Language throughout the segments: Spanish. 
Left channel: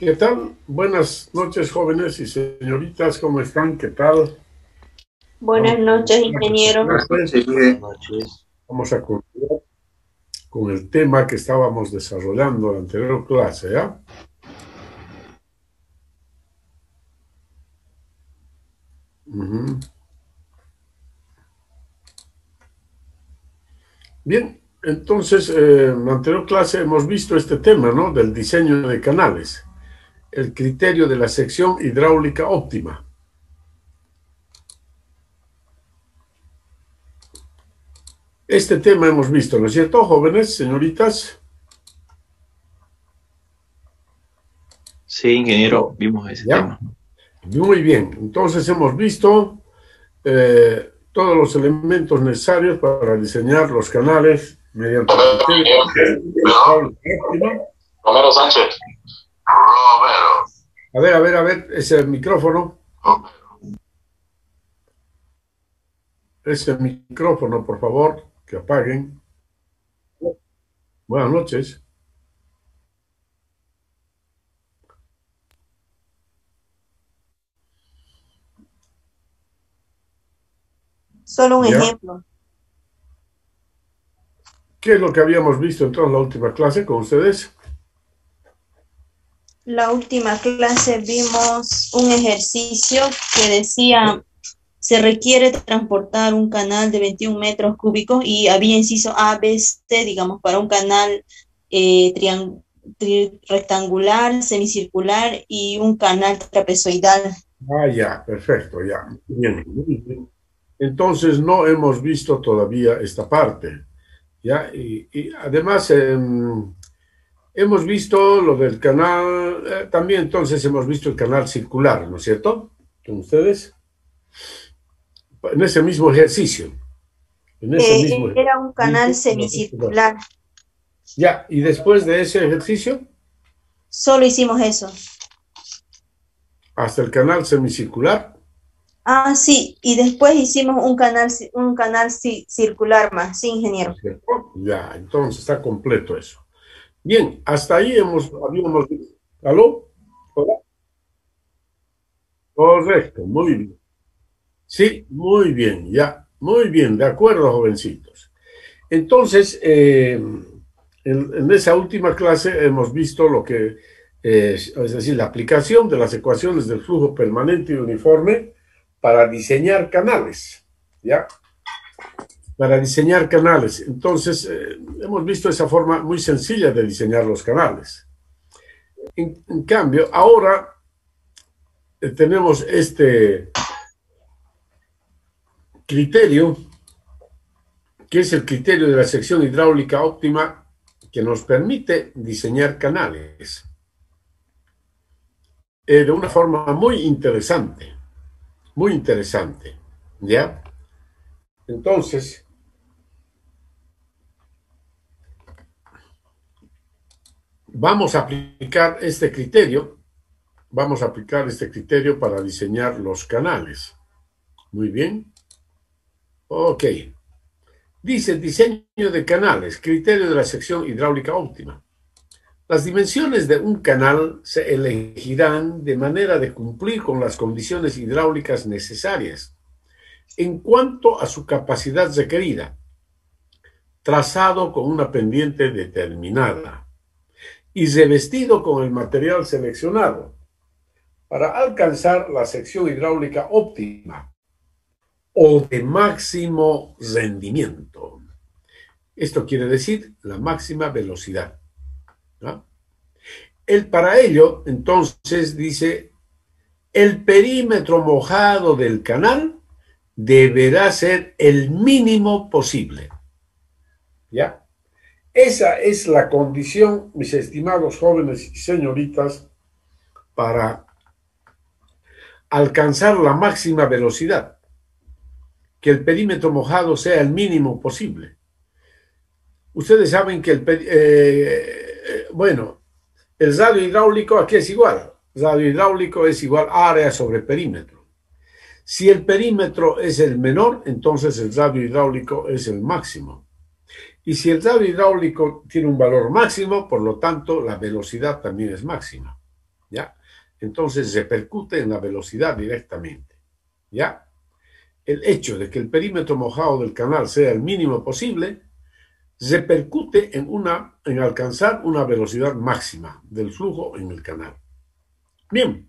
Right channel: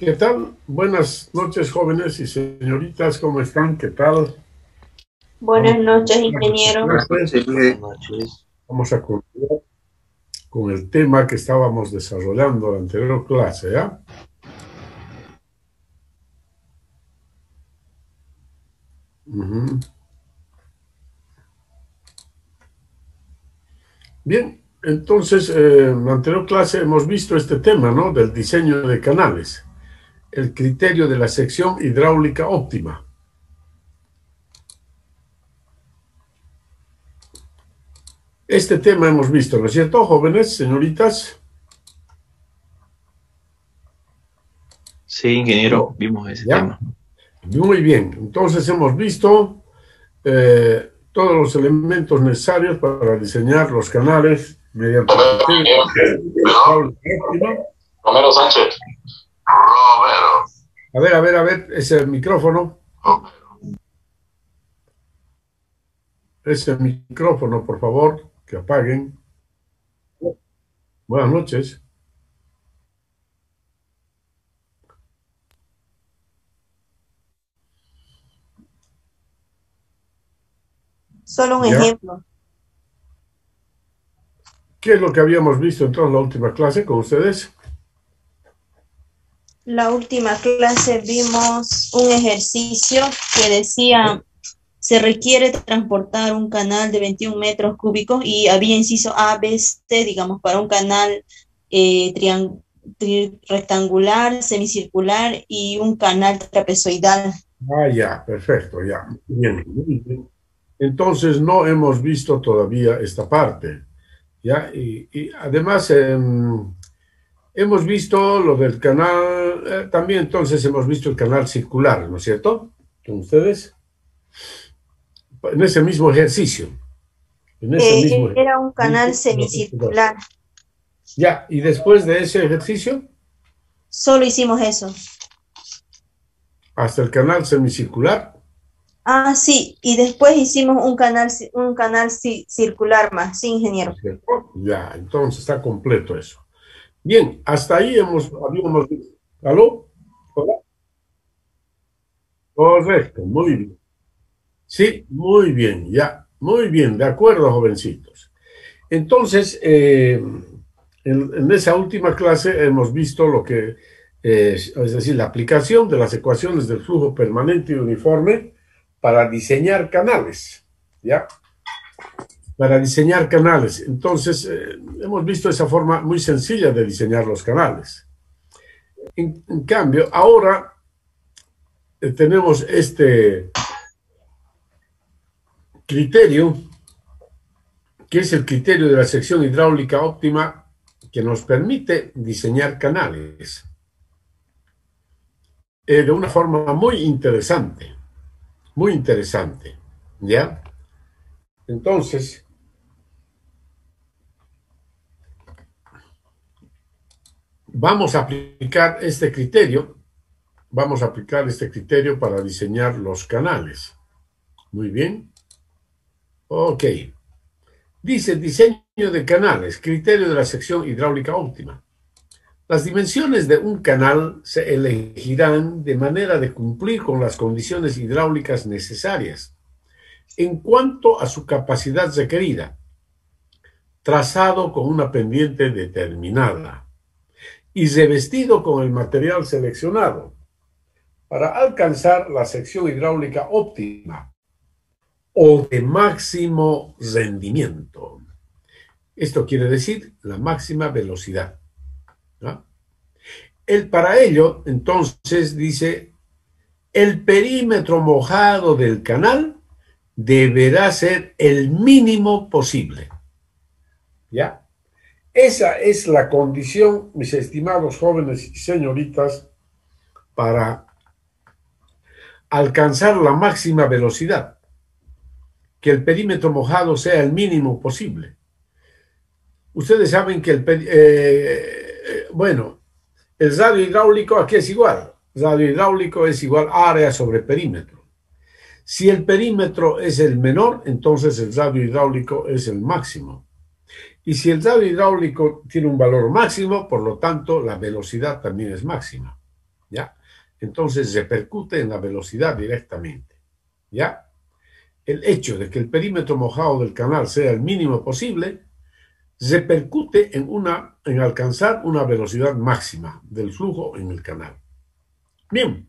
¿Qué tal? Buenas noches, jóvenes y señoritas, ¿cómo están? ¿Qué tal? Buenas Vamos a noches, iniciar nuestra ingeniero. Buenas clase. noches, buenas noches. Vamos a continuar con el tema que estábamos desarrollando en la anterior clase, ¿ya? Ujú. Bien, entonces, en la anterior clase hemos visto este tema, ¿no? Del diseño de canales, el criterio de la sección hidráulica óptima. Este tema hemos visto, ¿no es cierto, jóvenes, señoritas? Sí, ingeniero, ¿No? vimos ese ¿Ya? tema. Muy bien, entonces hemos visto todos los elementos necesarios para diseñar los canales mediante el criterio óptima. Romero Sánchez. Romero. A ver, ese micrófono, por favor, que apaguen. Buenas noches. Solo un ¿Ya? ejemplo. ¿Qué es lo que habíamos visto entonces en la última clase con ustedes? La última clase vimos un ejercicio que decía, se requiere transportar un canal de 21 metros cúbicos y había inciso A, B, C, digamos, para un canal rectangular, semicircular y un canal trapezoidal. Ah, ya, perfecto, ya. Bien, muy bien. Entonces no hemos visto todavía esta parte, ¿ya? Y además hemos visto lo del canal, también entonces hemos visto el canal circular, ¿no es cierto? Con ustedes, en ese mismo ejercicio, en ese mismo Era un canal ejercicio. semicircular. Ya, y después de ese ejercicio, Solo hicimos eso. hasta el canal semicircular, Ah, sí, y después hicimos un canal circular más, sí, ¿no ingeniero. es cierto? Ya, entonces está completo eso. Bien, hasta ahí habíamos visto. ¿Aló? ¿Hola? Correcto, muy bien. Sí, muy bien, ya, muy bien, de acuerdo, jovencitos. Entonces, en esa última clase hemos visto lo que es decir, la aplicación de las ecuaciones del flujo permanente y uniforme para diseñar canales, ¿ya? Para diseñar canales. Entonces, hemos visto esa forma muy sencilla de diseñar los canales. En cambio, ahora tenemos este criterio, que es el criterio de la sección hidráulica óptima que nos permite diseñar canales de una forma muy interesante, ¿ya? Entonces, vamos a aplicar este criterio, vamos a aplicar este criterio para diseñar los canales. Muy bien. Ok. Dice diseño de canales, criterio de la sección hidráulica óptima. Las dimensiones de un canal se elegirán de manera de cumplir con las condiciones hidráulicas necesarias en cuanto a su capacidad requerida, trazado con una pendiente determinada y revestido con el material seleccionado para alcanzar la sección hidráulica óptima o de máximo rendimiento. Esto quiere decir la máxima velocidad, ¿no? Para ello, entonces, dice, el perímetro mojado del canal deberá ser el mínimo posible. ¿Ya? Esa es la condición, mis estimados jóvenes y señoritas, para alcanzar la máxima velocidad, que el perímetro mojado sea el mínimo posible. Ustedes saben que bueno, el radio hidráulico aquí es igual. Radio hidráulico es igual área sobre perímetro. Si el perímetro es el menor, entonces el radio hidráulico es el máximo. Y si el radio hidráulico tiene un valor máximo, por lo tanto, la velocidad también es máxima. entonces repercute en la velocidad directamente. ¿Ya? El hecho de que el perímetro mojado del canal sea el mínimo posible repercute en alcanzar una velocidad máxima del flujo en el canal. Bien,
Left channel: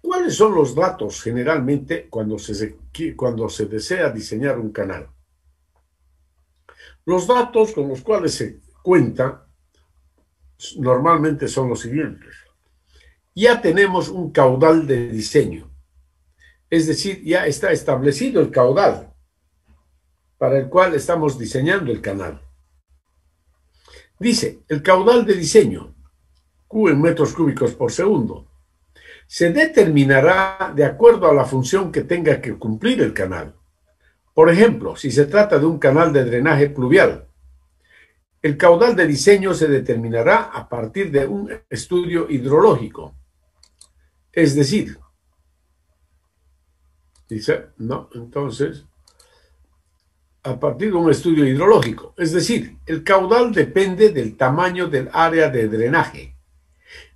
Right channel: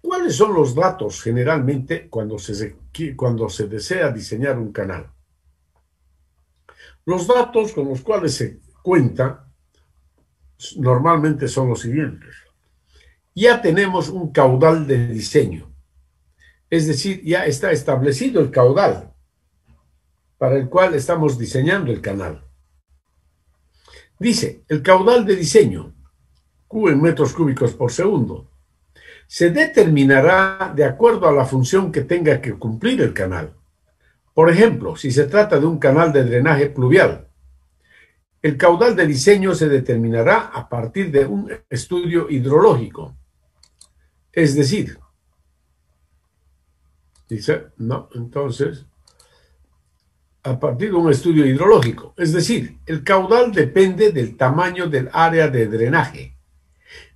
¿cuáles son los datos generalmente cuando se desea diseñar un canal? Los datos con los cuales se cuenta normalmente son los siguientes. Ya tenemos un caudal de diseño, es decir, ya está establecido el caudal para el cual estamos diseñando el canal. Dice, el caudal de diseño, Q en metros cúbicos por segundo, se determinará de acuerdo a la función que tenga que cumplir el canal. Por ejemplo, si se trata de un canal de drenaje pluvial, el caudal de diseño se determinará a partir de un estudio hidrológico. Es decir, dice, no, entonces, a partir de un estudio hidrológico. Es decir, el caudal depende del tamaño del área de drenaje,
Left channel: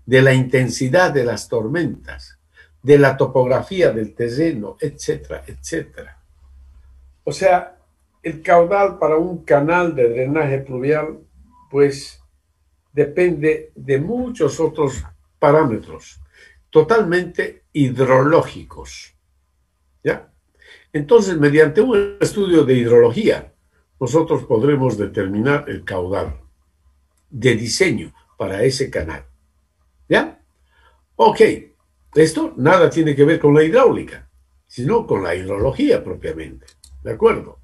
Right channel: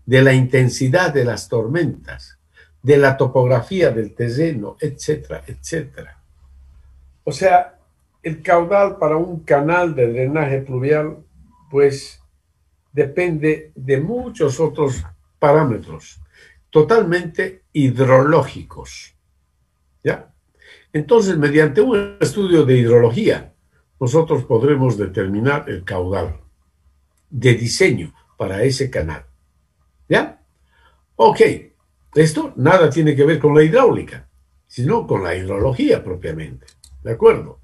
de la intensidad de las tormentas, de la topografía del terreno, etcétera, etcétera. O sea, el caudal para un canal de drenaje pluvial, pues, depende de muchos otros parámetros, totalmente hidrológicos. ¿Ya? Entonces, mediante un estudio de hidrología, nosotros podremos determinar el caudal de diseño para ese canal. ¿Ya? Ok, esto nada tiene que ver con la hidráulica, sino con la hidrología propiamente. ¿De acuerdo?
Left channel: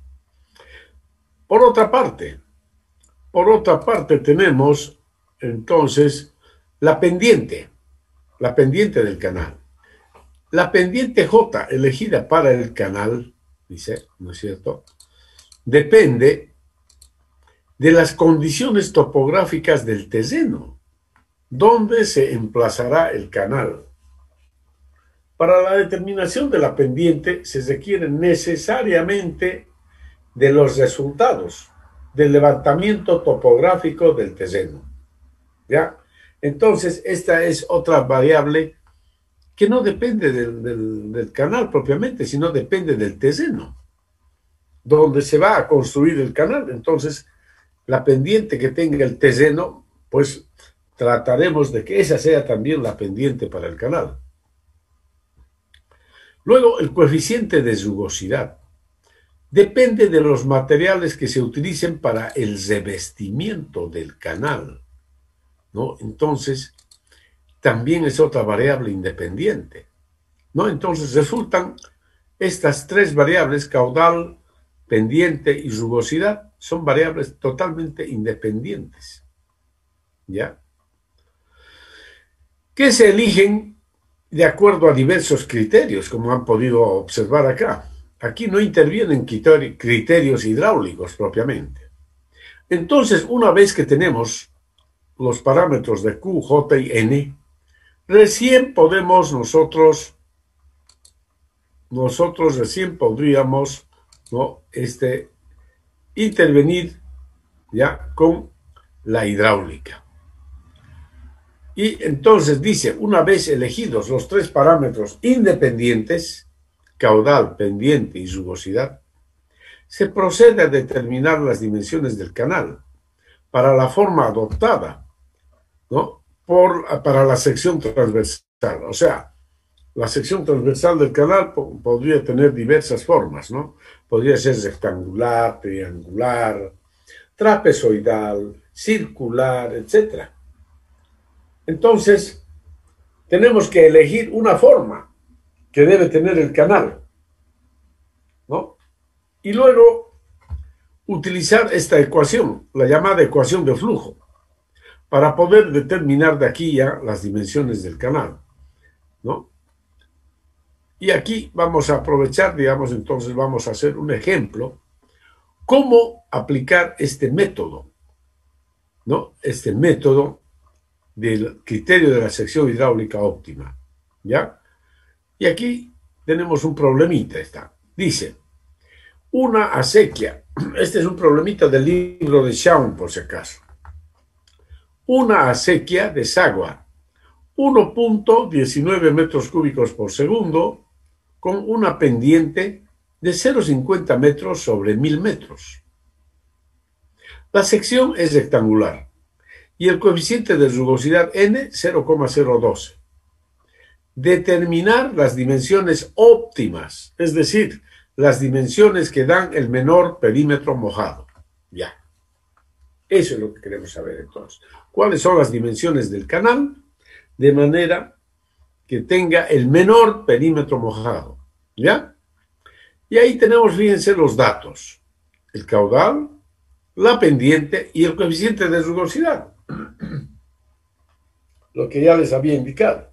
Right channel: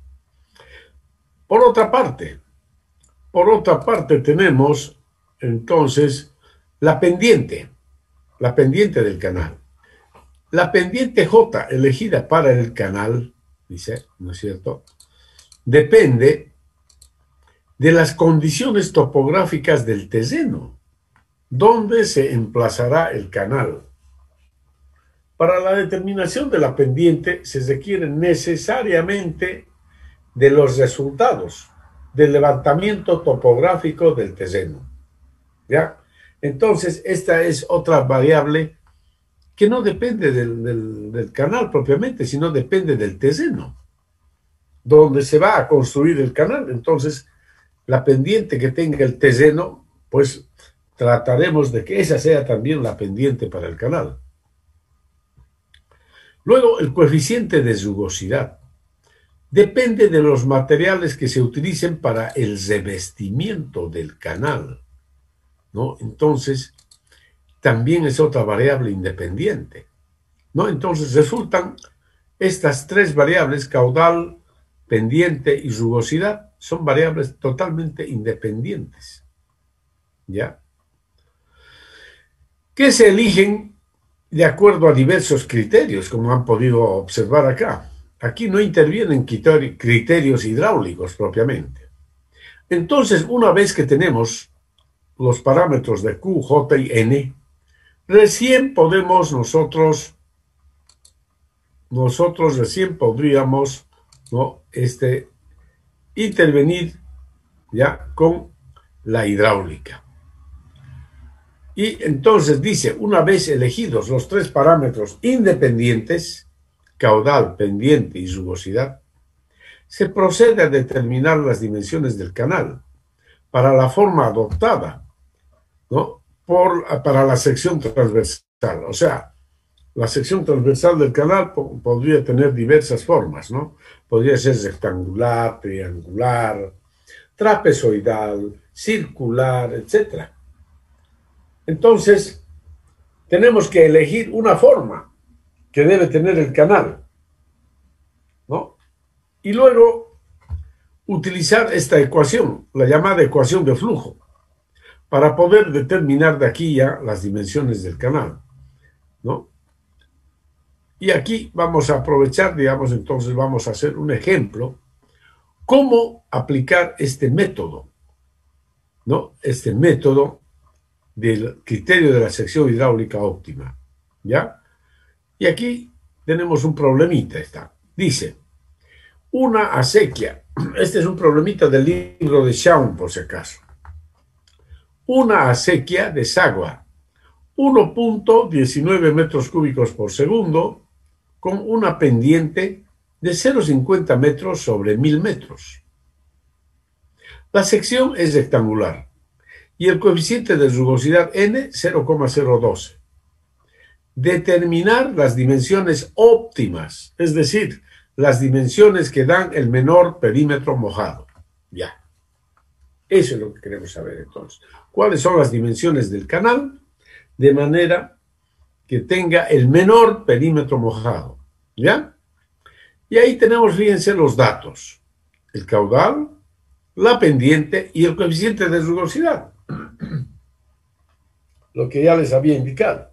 Por otra parte tenemos entonces la pendiente del canal. La pendiente J elegida para el canal, dice, ¿no es cierto?, depende de las condiciones topográficas del terreno, donde se emplazará el canal. Para la determinación de la pendiente se requiere necesariamente de los resultados del levantamiento topográfico del terreno. ¿Ya? Entonces, esta es otra variable que no depende del canal propiamente, sino depende del terreno, donde se va a construir el canal. Entonces, la pendiente que tenga el terreno, pues trataremos de que esa sea también la pendiente para el canal. Luego, el coeficiente de rugosidad depende de los materiales que se utilicen para el revestimiento del canal, ¿no? Entonces, también es otra variable independiente, ¿no? Entonces resultan estas tres variables, caudal, pendiente y rugosidad, son variables totalmente independientes, ¿ya? Que se eligen de acuerdo a diversos criterios, como han podido observar acá. Aquí no intervienen criterios hidráulicos propiamente. Entonces, una vez que tenemos los parámetros de Q, J y N, recién podemos nosotros recién podríamos, ¿no?, intervenir ya con la hidráulica. Y entonces dice, una vez elegidos los tres parámetros independientes, caudal, pendiente y rugosidad, se procede a determinar las dimensiones del canal para la forma adoptada, ¿no?, para la sección transversal. O sea, la sección transversal del canal podría tener diversas formas, ¿no? Podría ser rectangular, triangular, trapezoidal, circular, etc. Entonces, tenemos que elegir una forma que debe tener el canal, ¿no? Y luego utilizar esta ecuación, la llamada ecuación de flujo, para poder determinar de aquí ya las dimensiones del canal, ¿no? Y aquí vamos a aprovechar, digamos, entonces vamos a hacer un ejemplo, cómo aplicar este método, ¿no? Este método del criterio de la sección hidráulica óptima, ¿ya? Y aquí tenemos un problemita, dice, una acequia, este es un problemita del libro de Shawn, por si acaso. Una acequia desagua 1.19 metros cúbicos por segundo con una pendiente de 0,50 metros sobre 1000 metros. La sección es rectangular y el coeficiente de rugosidad n 0,012. Determinar las dimensiones óptimas, es decir, las dimensiones que dan el menor perímetro mojado. Ya. Eso es lo que queremos saber entonces. ¿Cuáles son las dimensiones del canal? De manera que tenga el menor perímetro mojado. ¿Ya? Y ahí tenemos, fíjense, los datos. El caudal, la pendiente y el coeficiente de rugosidad. Lo que ya les había indicado.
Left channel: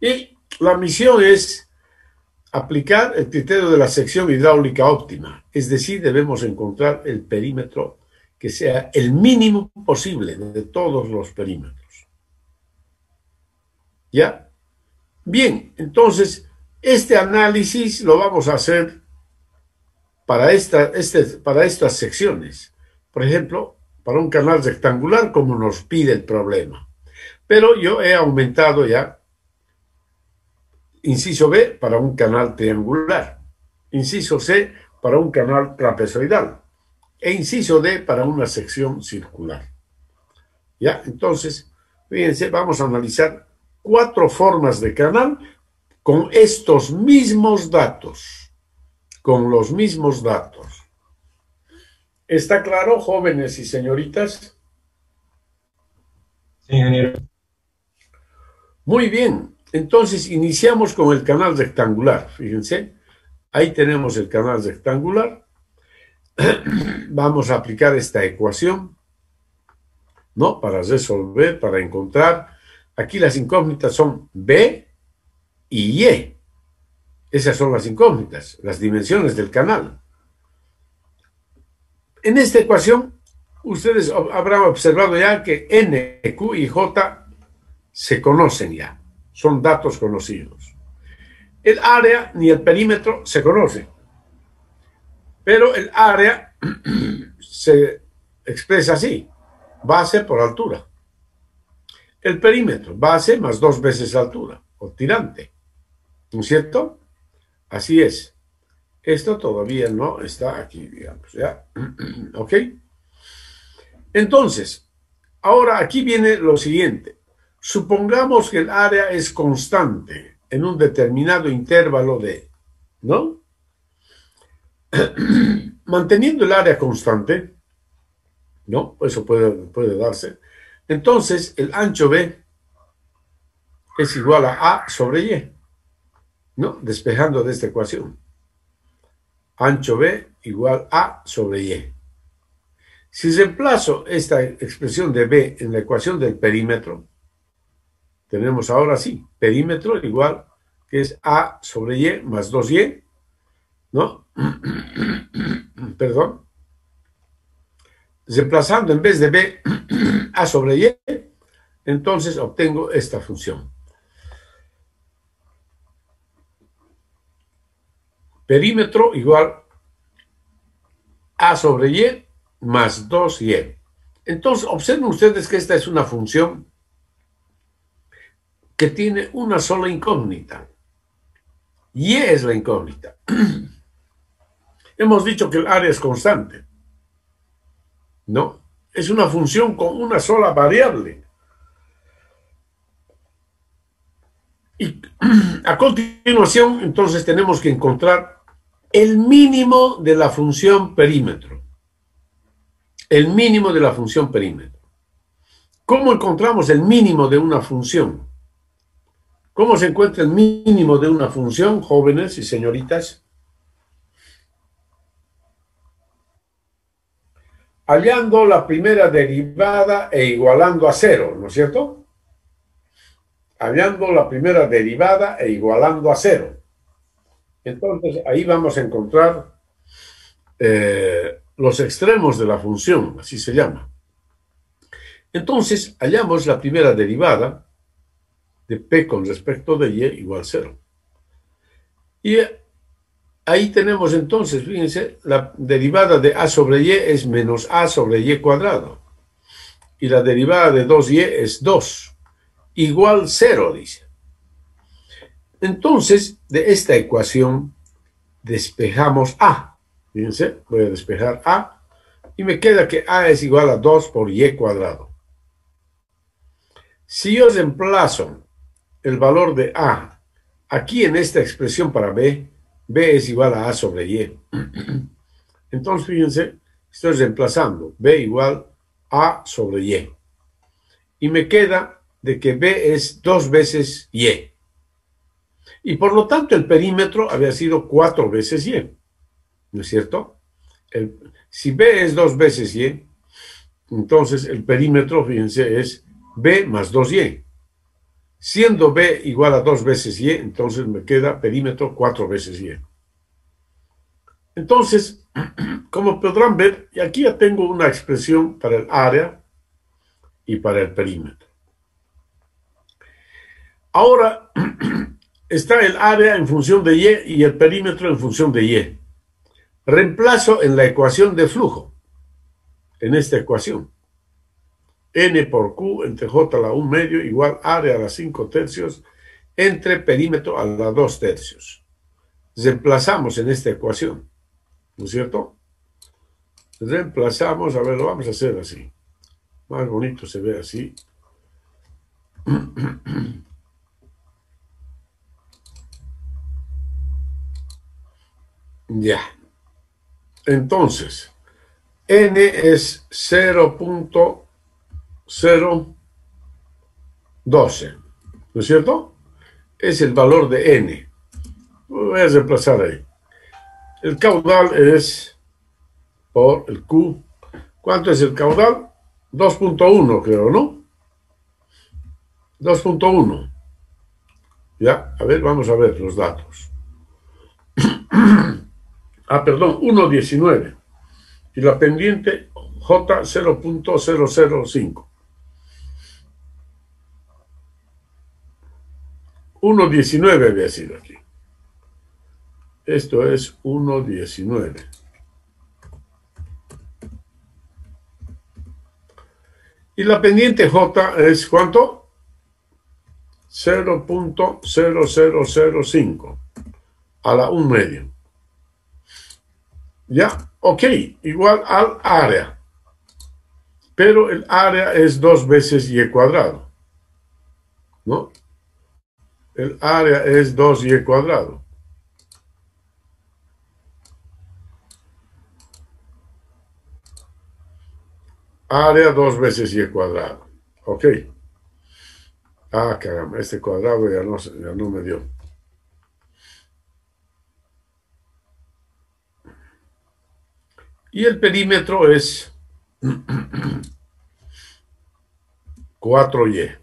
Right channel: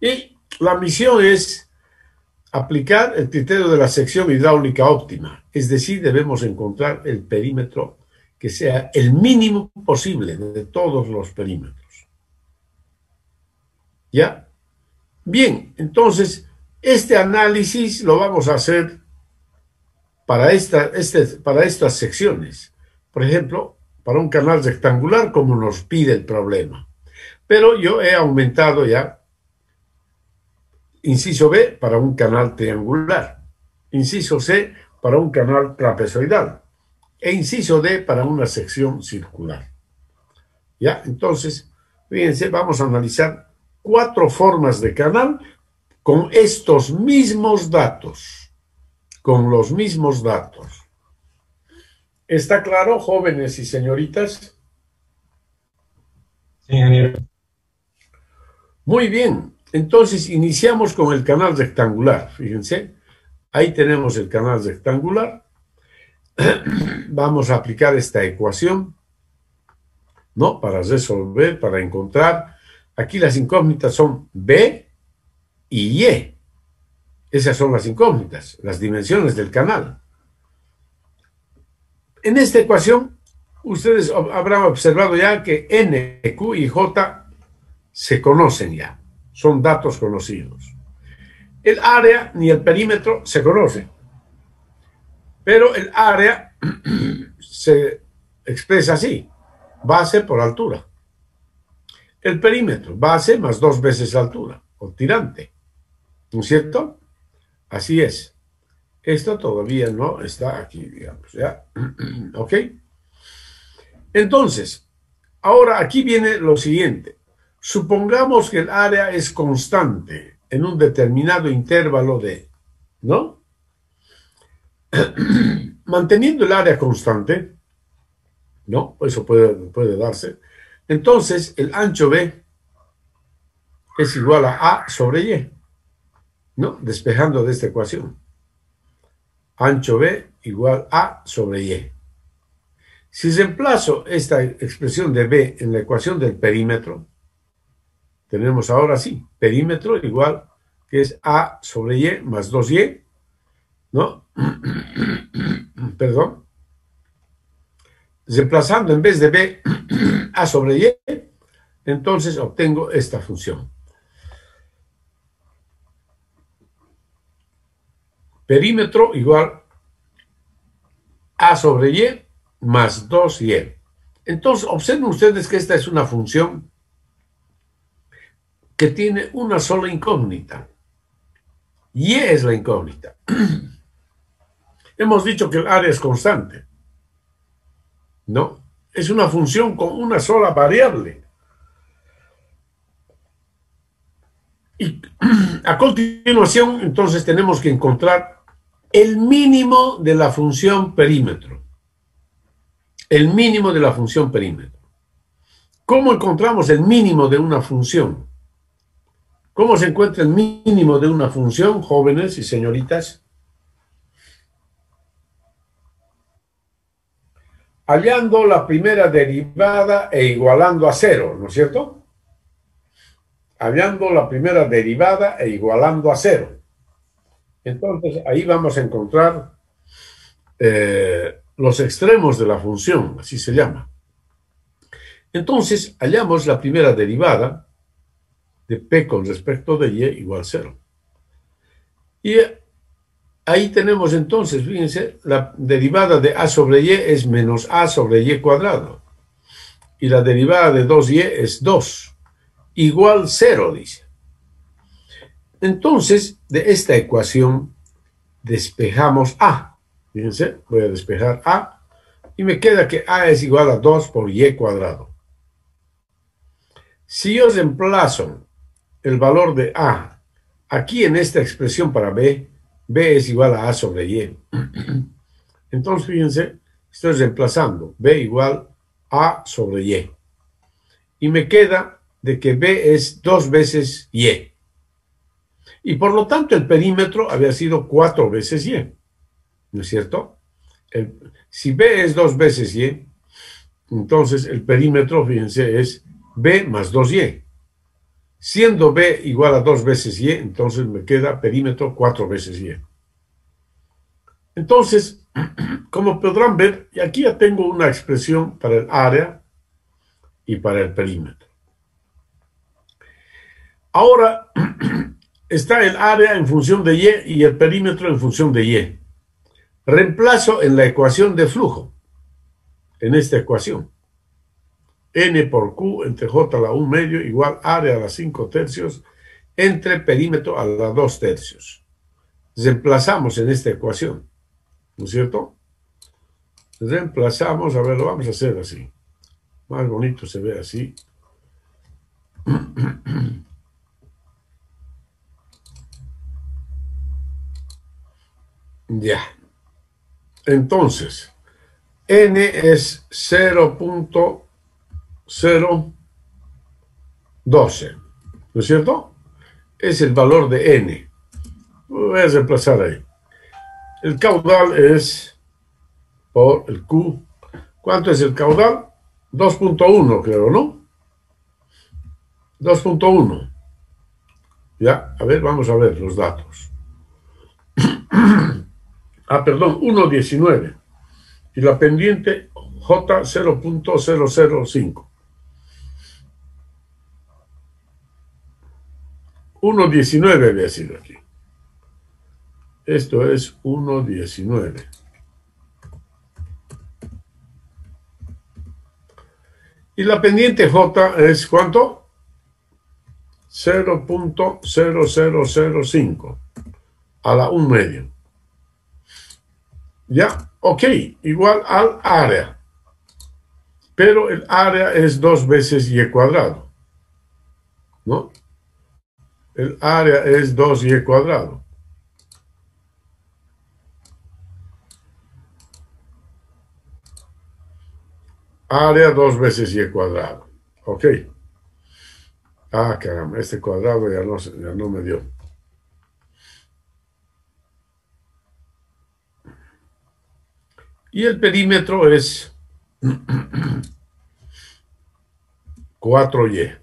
Y la misión es aplicar el criterio de la sección hidráulica óptima. Es decir, debemos encontrar el perímetro que sea el mínimo posible de todos los perímetros. ¿Ya? Bien, entonces, este análisis lo vamos a hacer para estas secciones. Por ejemplo, para un canal rectangular, como nos pide el problema. Pero yo he aumentado ya, inciso B, para un canal triangular. Inciso C, para un canal trapezoidal. E inciso D, para una sección circular. ¿Ya? Entonces, fíjense, vamos a analizar 4 formas de canal con estos mismos datos. Con los mismos datos. ¿Está claro, jóvenes y señoritas? Sí, ingeniero. Muy bien. Entonces, iniciamos con el canal rectangular. Fíjense, ahí tenemos el canal rectangular. Vamos a aplicar esta ecuación, ¿no? Para resolver, para encontrar. Aquí las incógnitas son B y Y. Esas son las incógnitas, las dimensiones del canal. En esta ecuación, ustedes habrán observado ya que N, Q y J se conocen ya. Son datos conocidos. El área ni el perímetro se conocen. Pero el área se expresa así. Base por altura. El perímetro, base más 2 veces altura, o tirante. ¿No es cierto? Así es. Esto todavía no está aquí, digamos, ¿ya? ¿Ok? Entonces, ahora aquí viene lo siguiente. Supongamos que el área es constante en un determinado intervalo de, ¿no? Manteniendo el área constante, ¿no? Eso puede darse. Entonces, el ancho B es igual a sobre Y, ¿no? Despejando de esta ecuación. Ancho B igual a sobre Y. Si reemplazo esta expresión de B en la ecuación del perímetro, tenemos ahora sí, perímetro igual, que es A sobre Y más 2Y, ¿no? Perdón. Reemplazando en vez de B A sobre Y, entonces obtengo esta función. Perímetro igual A sobre Y más 2Y. Entonces, observen ustedes que esta es una función que tiene una sola incógnita. Y es la incógnita. Hemos dicho que el área es constante, ¿no? Es una función con una sola variable. Y a continuación, entonces, tenemos que encontrar el mínimo de la función perímetro. El mínimo de la función perímetro. ¿Cómo encontramos el mínimo de una función? ¿Cómo se encuentra el mínimo de una función, jóvenes y señoritas? Hallando la primera derivada e igualando a 0, ¿no es cierto? Hallando la primera derivada e igualando a 0. Entonces, ahí vamos a encontrar los extremos de la función, así se llama. Entonces, hallamos la primera derivada de P con respecto de Y igual 0. Y ahí tenemos entonces, fíjense, la derivada de A sobre Y es menos A sobre Y cuadrado. Y la derivada de 2Y es 2. igual 0, dice. Entonces, de esta ecuación despejamos A. Fíjense, voy a despejar A y me queda que A es igual a 2 por Y cuadrado. Si yo reemplazo el valor de A aquí en esta expresión para B, B es igual a sobre Y. Entonces, fíjense, estoy reemplazando B igual A sobre Y. Y me queda de que B es 2 veces Y. Y por lo tanto, el perímetro había sido 4 veces Y. ¿No es cierto? Si B es 2 veces Y, entonces el perímetro, fíjense, es B más 2Y. Siendo B igual a 2 veces Y, entonces me queda perímetro 4 veces Y. Entonces, como podrán ver, y aquí ya tengo una expresión para el área y para el perímetro. Ahora está el área en función de Y y el perímetro en función de Y. Reemplazo en la ecuación de flujo, en esta ecuación. N por Q entre J a la 1 medio igual área a la 5 tercios entre perímetro a la 2 tercios. Reemplazamos en esta ecuación, ¿no es cierto? Reemplazamos, a ver, lo vamos a hacer así. Más bonito se ve así. Ya. Entonces, N es 0.012, ¿no es cierto? Es el valor de N. Voy a reemplazar ahí. El caudal es por el Q. ¿Cuánto es el caudal? 2.1, creo, ¿no? 2.1. Ya, a ver, vamos a ver los datos. Perdón, 1.19. Y la pendiente J 0.005. 1.19 había sido aquí. Esto es 1.19. Y la pendiente J es ¿cuánto? 0.0005 a la 1 medio. Ya, ok, igual al área. Pero el área es 2 veces Y cuadrado, ¿no? El área es 2Y cuadrado. Área 2 veces Y cuadrado. Ok. Caramba, este cuadrado ya no me dio. Y el perímetro es 4Y.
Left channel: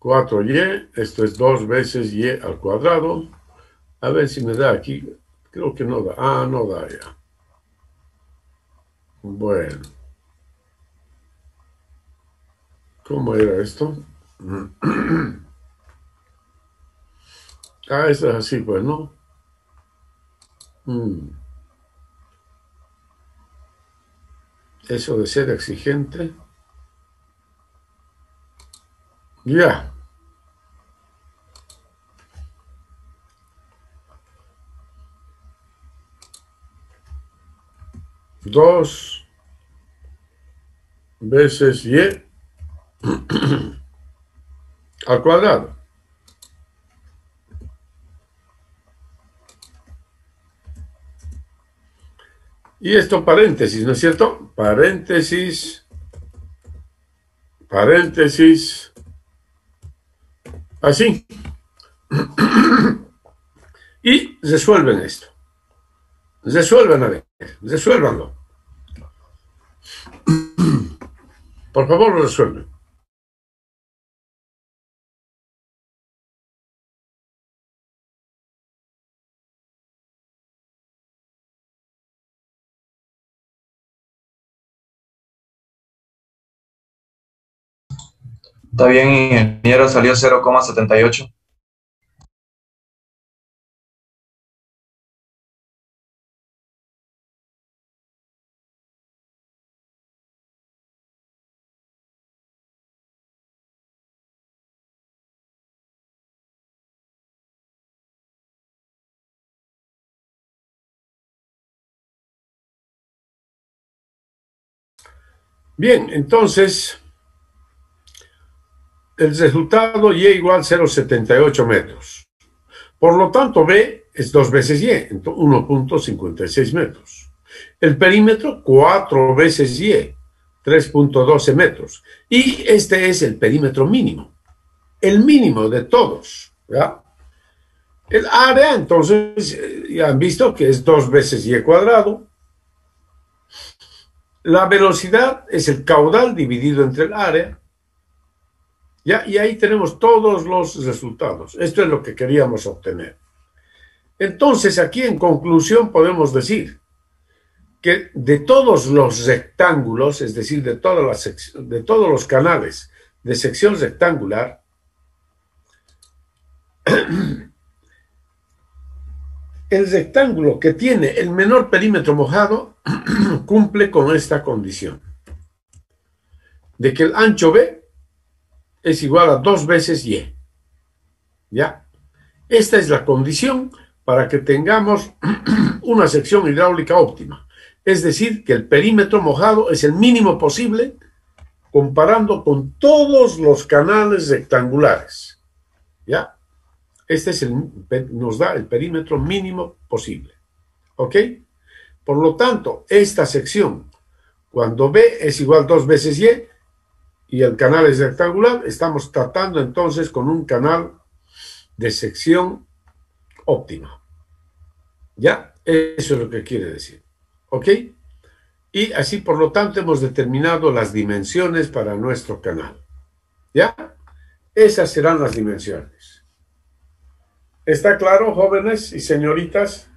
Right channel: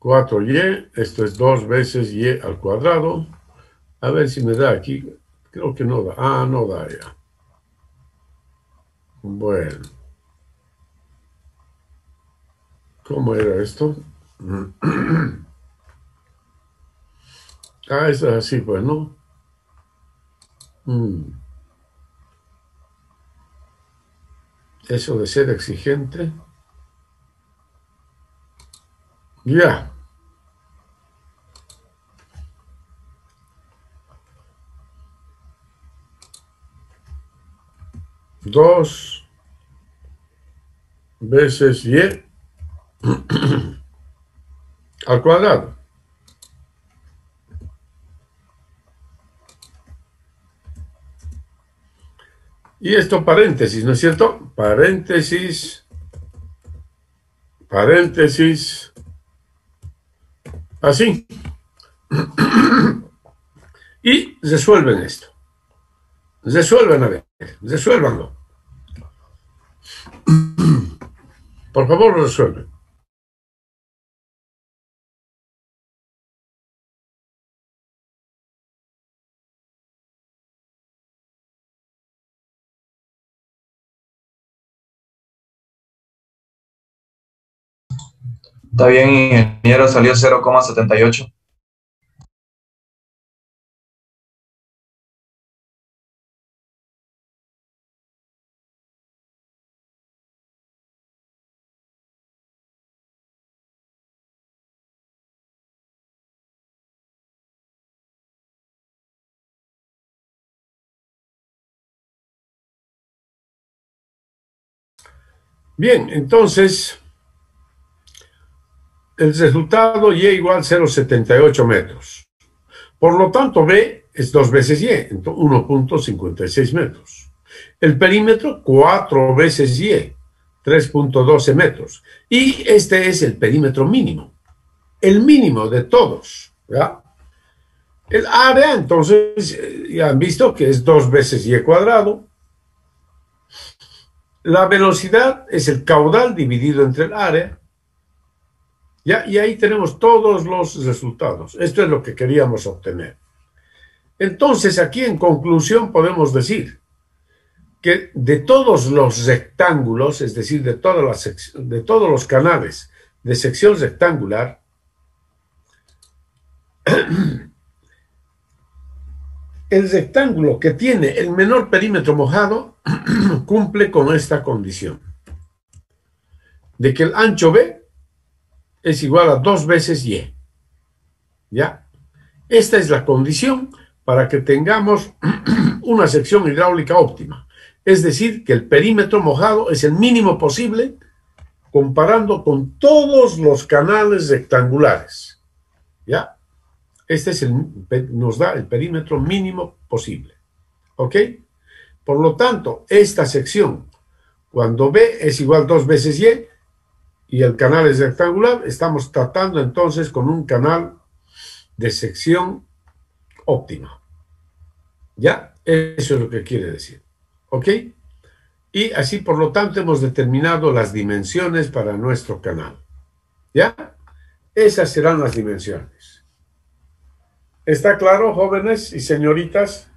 4Y, esto es 2 veces Y al cuadrado. A ver si me da aquí. Creo que no da. No da ya. Bueno. ¿Cómo era esto? Esto es así, pues, ¿no? Eso de ser exigente. Ya. 2 veces Y al cuadrado. Y esto paréntesis, ¿no es cierto? Paréntesis, paréntesis, así. Y resuelven esto. Resuelvan, a ver, resuélvanlo. Por favor, resuelven. Está bien, ingeniero, salió 0,78. Bien, entonces, el resultado Y igual 0,78 metros. Por lo tanto, B es 2 veces Y, 1,56 metros. El perímetro, 4 veces Y, 3,12 metros. Y este es el perímetro mínimo, el mínimo de todos, ¿ya? El área, entonces, ya han visto que es 2 veces Y cuadrado. La velocidad es el caudal dividido entre el área. ¿Ya? Y ahí tenemos todos los resultados. Esto es lo que queríamos obtener. Entonces, aquí en conclusión podemos decir que de todos los rectángulos, es decir, de todos los canales de sección rectangular, el rectángulo que tiene el menor perímetro mojado cumple con esta condición, de que el ancho B es igual a 2 veces Y. ¿Ya? Esta es la condición para que tengamos una sección hidráulica óptima. Es decir, que el perímetro mojado es el mínimo posible comparando con todos los canales rectangulares. ¿Ya? Este es nos da el perímetro mínimo posible. ¿Ok? Por lo tanto, esta sección, cuando B es igual a 2 veces Y el canal es rectangular, estamos tratando entonces con un canal de sección óptima. ¿Ya? Eso es lo que quiere decir. ¿Ok? Y así, por lo tanto, hemos determinado las dimensiones para nuestro canal. ¿Ya? Esas serán las dimensiones. ¿Está claro, jóvenes y señoritas?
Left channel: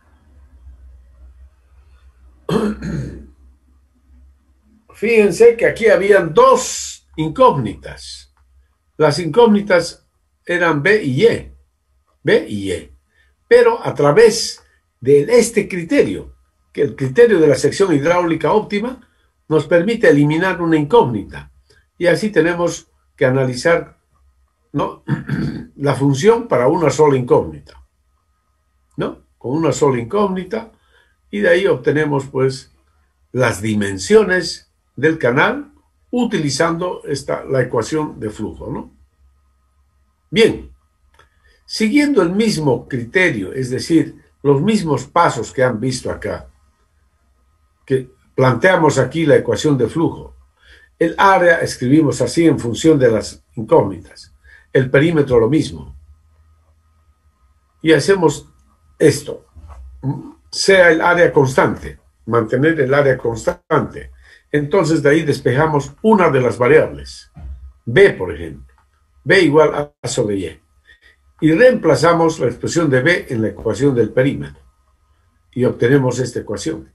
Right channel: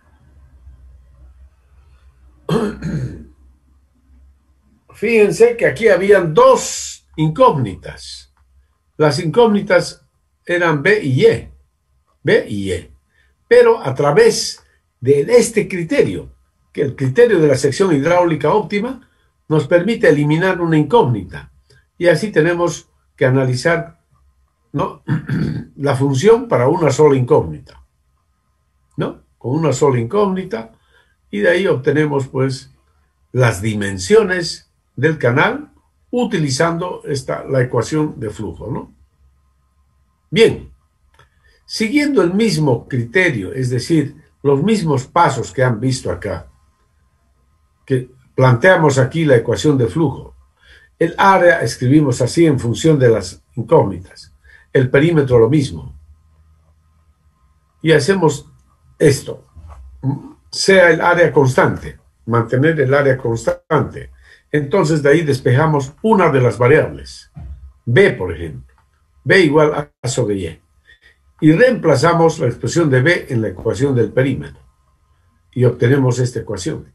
Fíjense que aquí habían dos incógnitas. Las incógnitas eran B y Y. B y Y. Pero a través de este criterio, que el criterio de la sección hidráulica óptima, nos permite eliminar una incógnita. Y así tenemos que analizar, ¿no?, la función para una sola incógnita, ¿no? Con una sola incógnita, y de ahí obtenemos, pues, las dimensiones del canal utilizando la ecuación de flujo, ¿no? Bien, siguiendo el mismo criterio, es decir, los mismos pasos que han visto acá, que planteamos aquí la ecuación de flujo. El área escribimos así en función de las incógnitas. El perímetro lo mismo. Y hacemos esto. Sea el área constante, mantener el área constante. Entonces de ahí despejamos una de las variables. B, por ejemplo. B igual a sobre Y. Y reemplazamos la expresión de B en la ecuación del perímetro. Y obtenemos esta ecuación.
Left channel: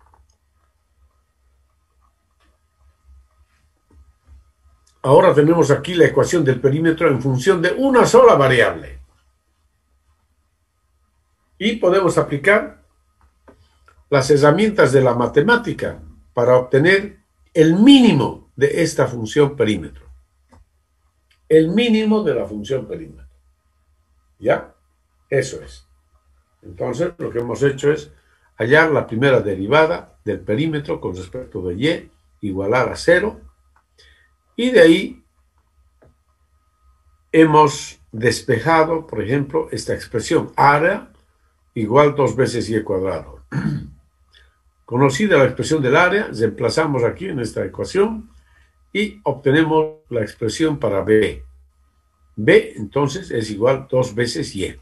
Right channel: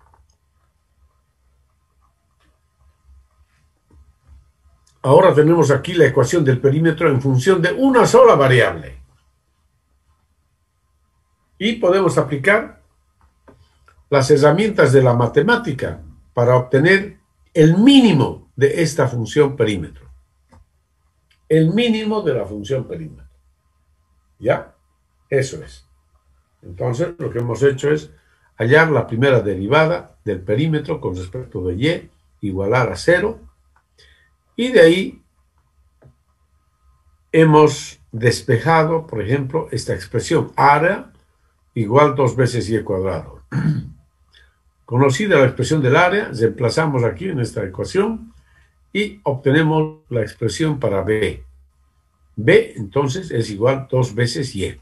Ahora tenemos aquí la ecuación del perímetro en función de una sola variable. Y podemos aplicar las herramientas de la matemática para obtener el mínimo de esta función perímetro. El mínimo de la función perímetro. ¿Ya? Eso es. Entonces, lo que hemos hecho es hallar la primera derivada del perímetro con respecto de Y igualar a 0. Y de ahí hemos despejado, por ejemplo, esta expresión área igual 2 veces Y cuadrado. Conocida la expresión del área, reemplazamos aquí en esta ecuación y obtenemos la expresión para B. B, entonces, es igual 2 veces Y.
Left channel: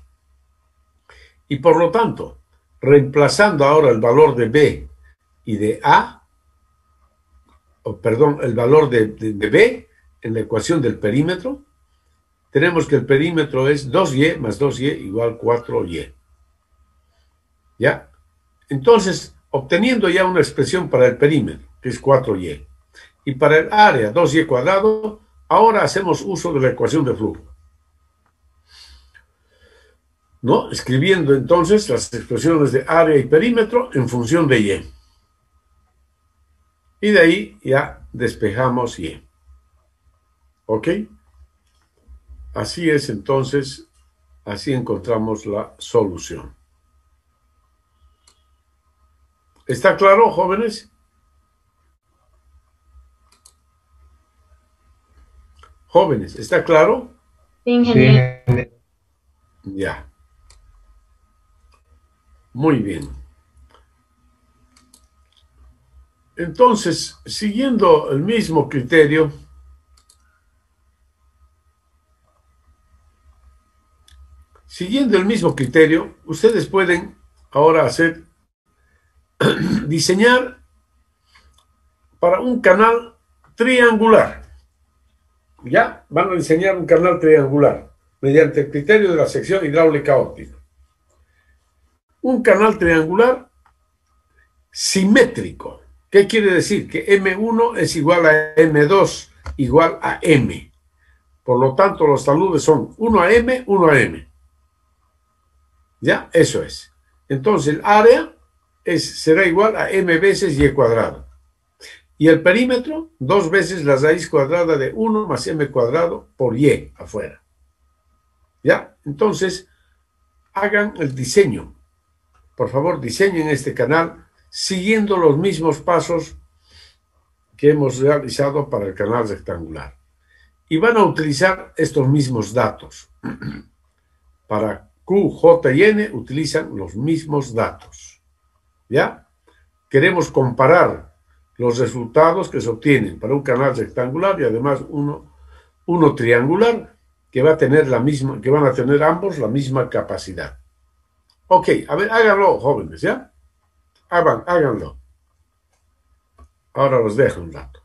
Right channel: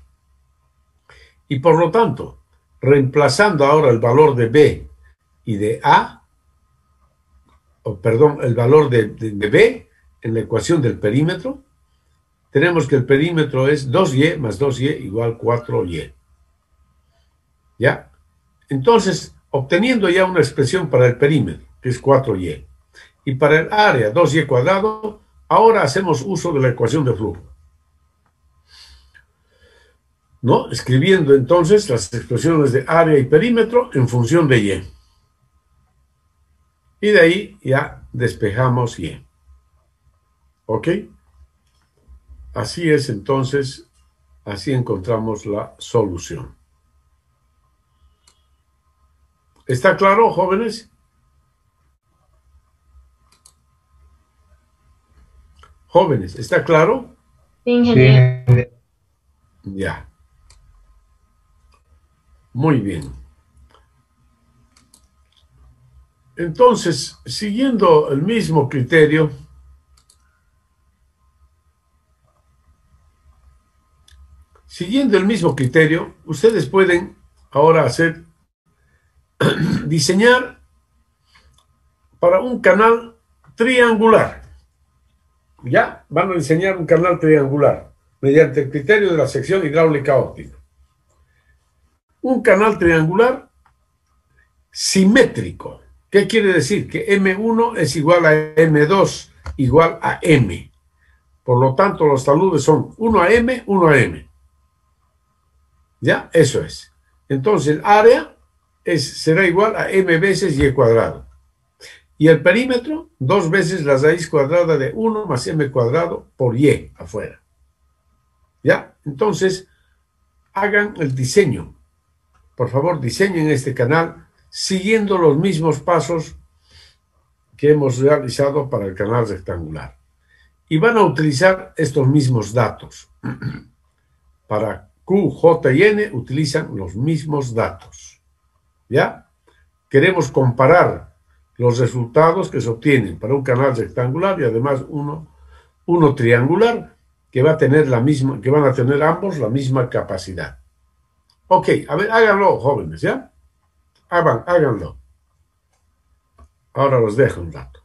Y por lo tanto, reemplazando ahora el valor de B y de A, el valor de B en la ecuación del perímetro, tenemos que el perímetro es 2Y más 2Y igual 4Y. ¿Ya? Entonces, obteniendo ya una expresión para el perímetro, que es 4Y, y para el área 2Y cuadrado, ahora hacemos uso de la ecuación de flujo, ¿no? Escribiendo entonces las expresiones de área y perímetro en función de Y. Y de ahí ya despejamos Y. ¿Ok? Así es entonces, así encontramos la solución. ¿Está claro, jóvenes? Jóvenes, ¿está claro? Sí, Sí, ingeniero. ingeniero. Ya, muy bien. Entonces, siguiendo el mismo criterio, ustedes pueden ahora diseñar para un canal triangular. Ya, van a diseñar un canal triangular mediante el criterio de la sección hidráulica óptica. Un canal triangular simétrico. ¿Qué quiere decir? Que M1 es igual a M2 igual a M. Por lo tanto, los taludes son 1 a M, 1 a M. ¿Ya? Eso es. Entonces, el área será igual a M veces Y cuadrado. Y el perímetro, 2 veces la raíz cuadrada de 1 más M cuadrado por Y afuera. ¿Ya? Entonces, hagan el diseño. Por favor, diseñen este canal siguiendo los mismos pasos que hemos realizado para el canal rectangular. Y van a utilizar estos mismos datos. Para Q, J y N utilizan los mismos datos. ¿Ya? Queremos comparar los resultados que se obtienen para un canal rectangular y además uno triangular que que van a tener ambos la misma capacidad. Ok, a ver, háganlo, jóvenes, ¿ya? Háganlo. Ahora los dejo un rato.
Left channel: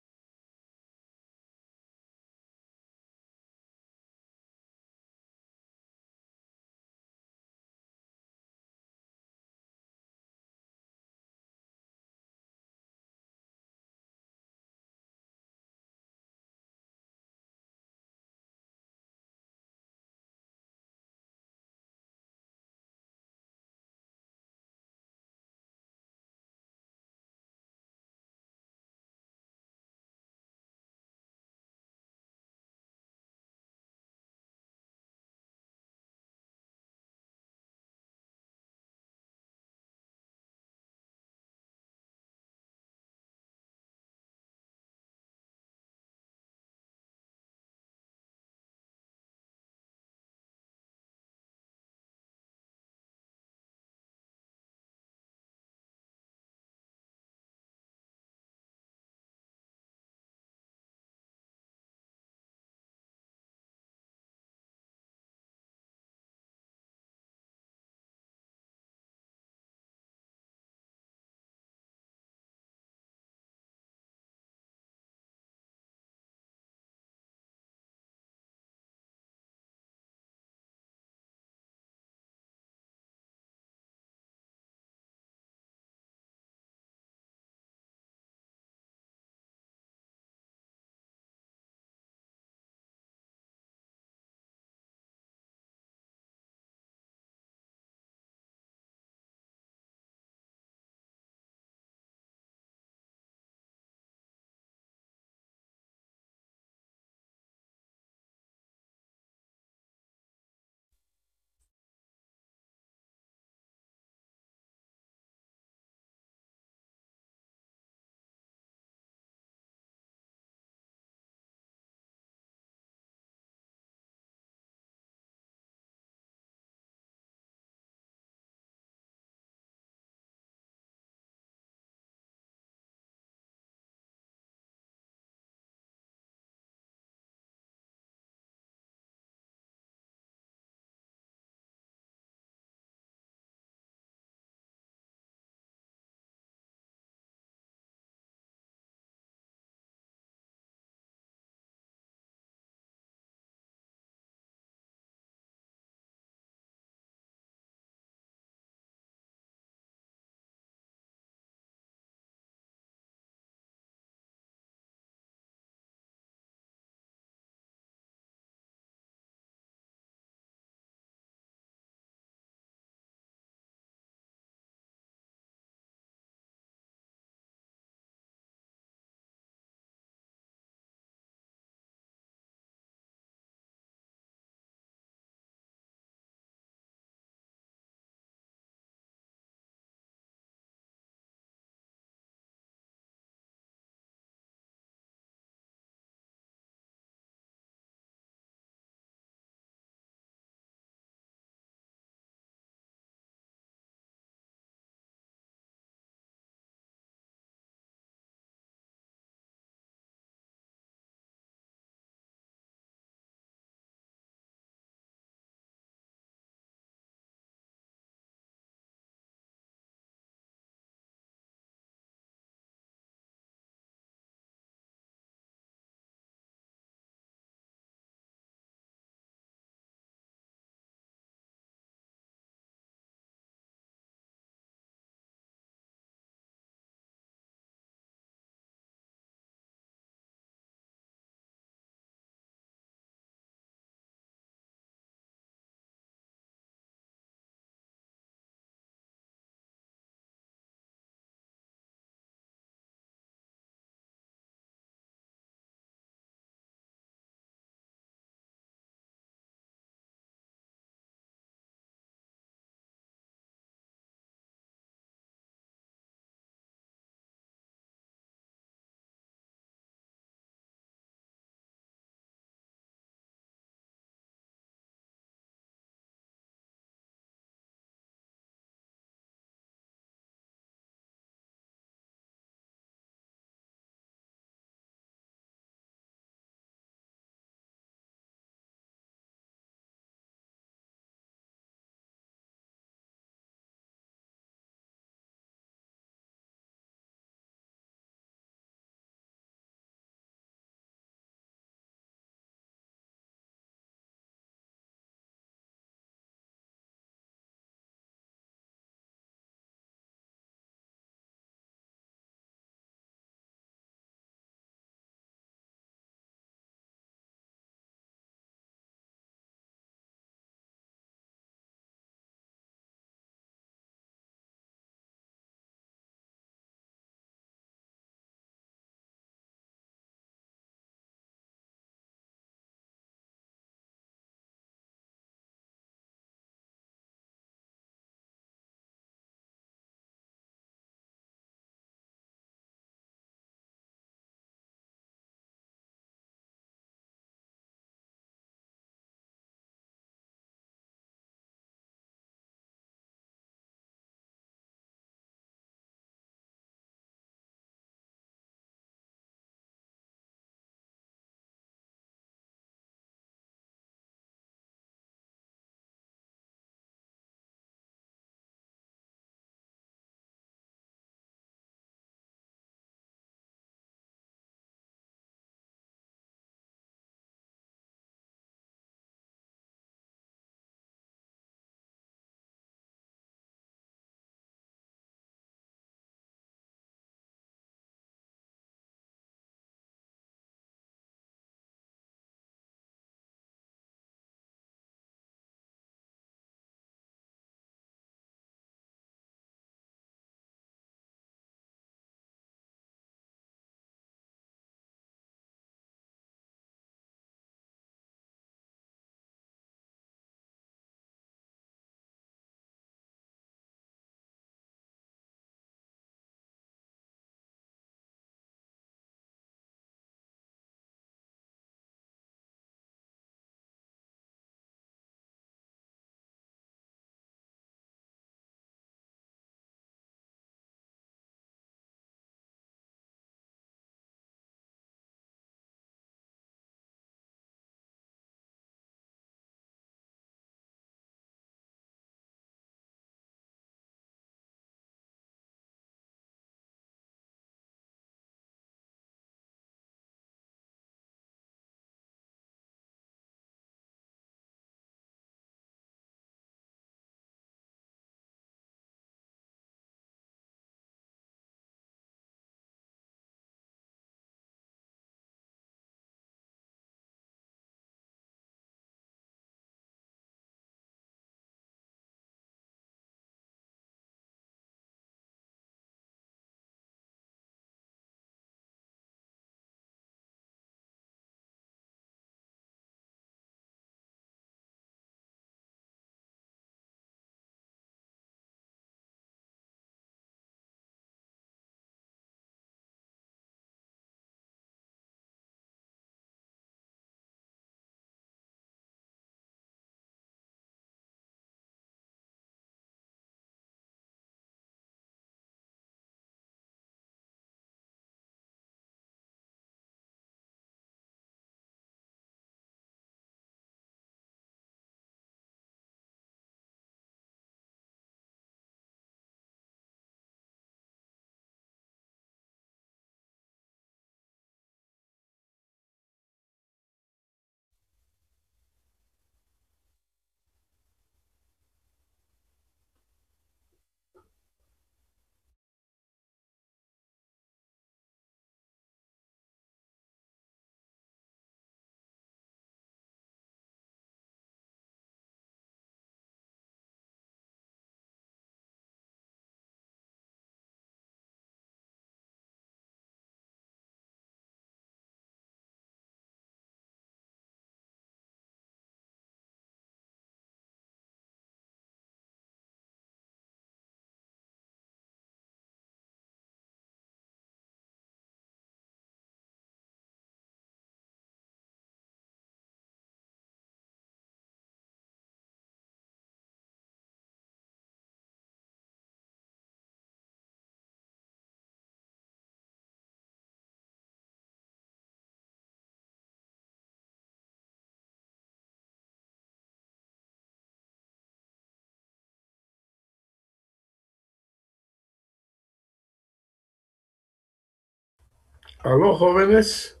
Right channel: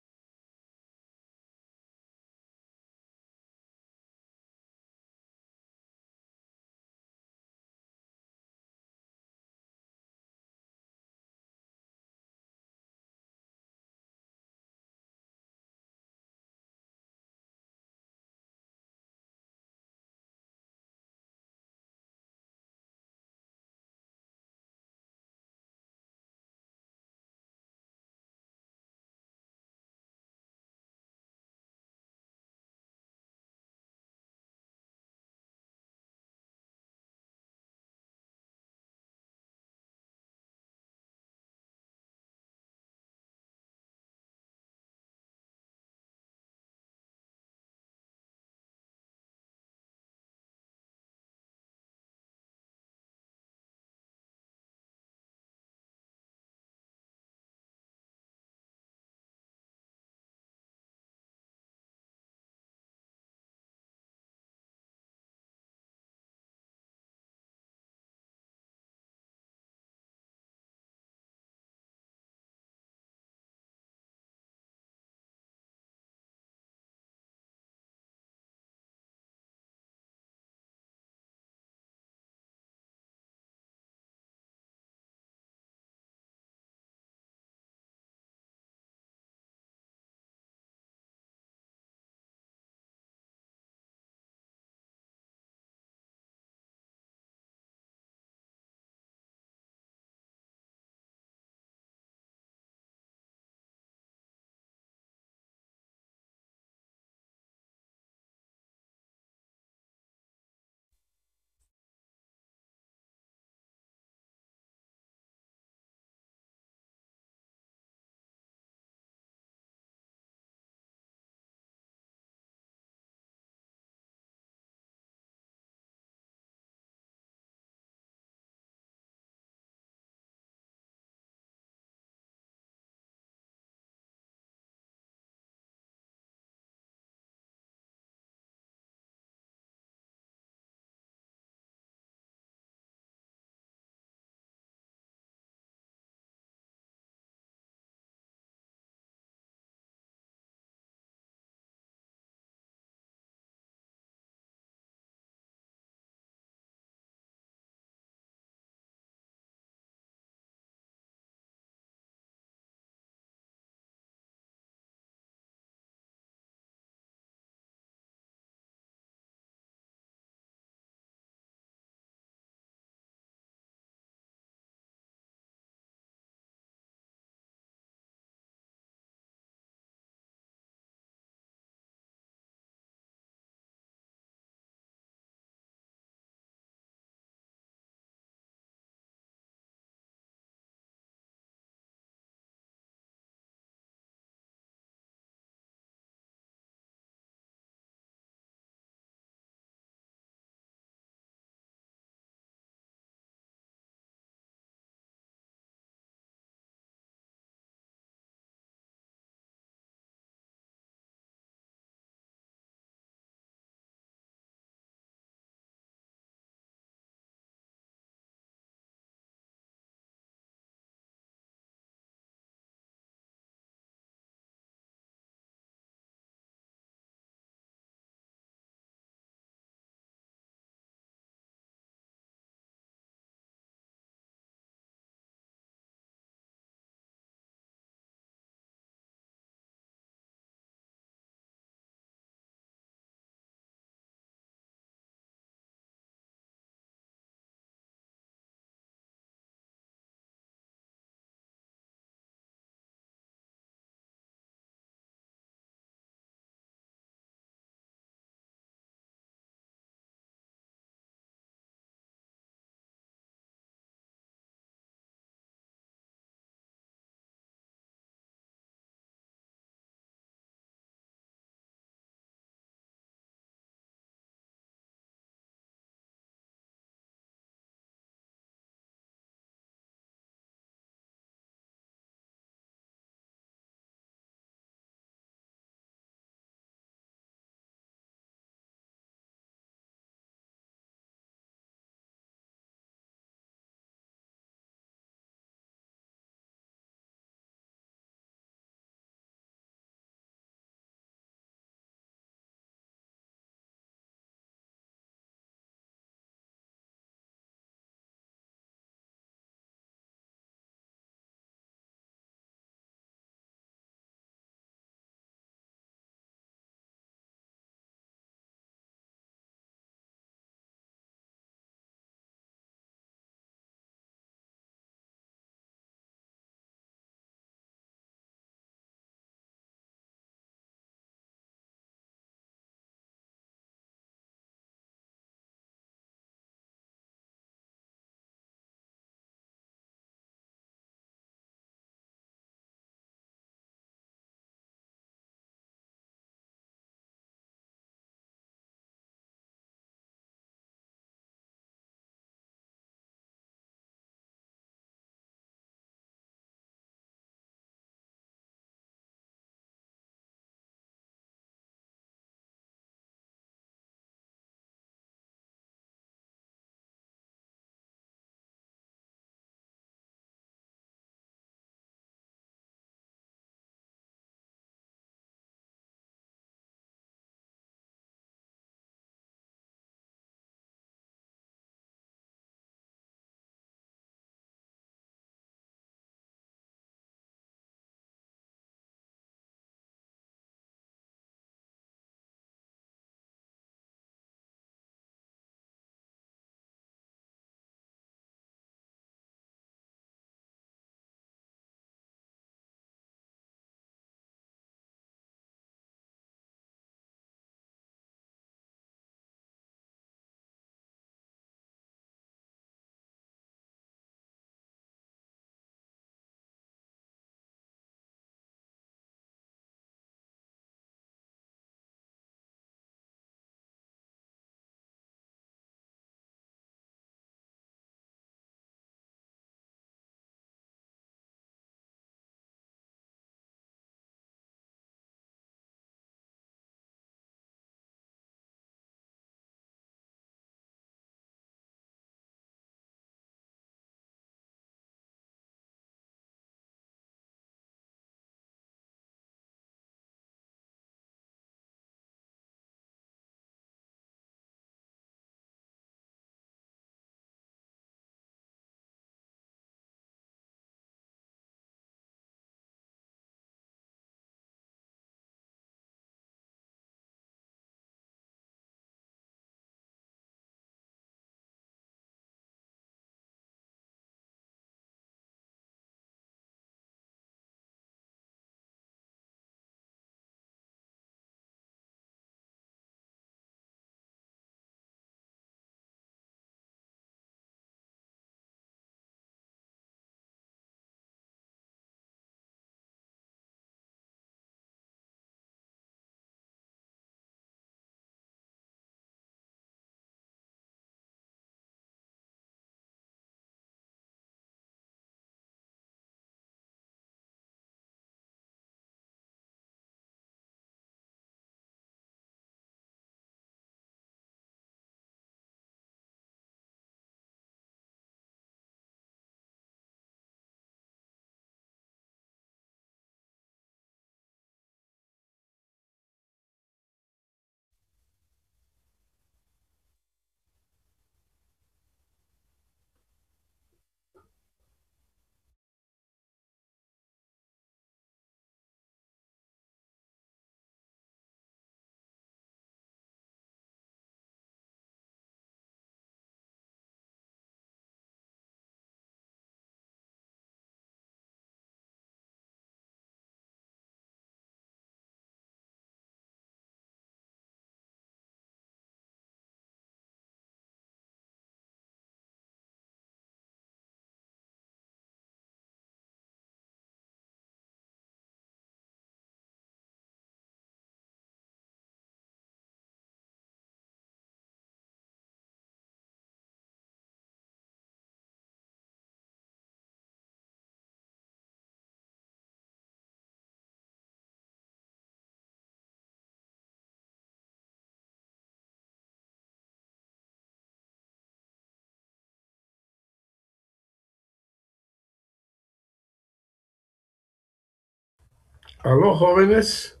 Aló, jóvenes,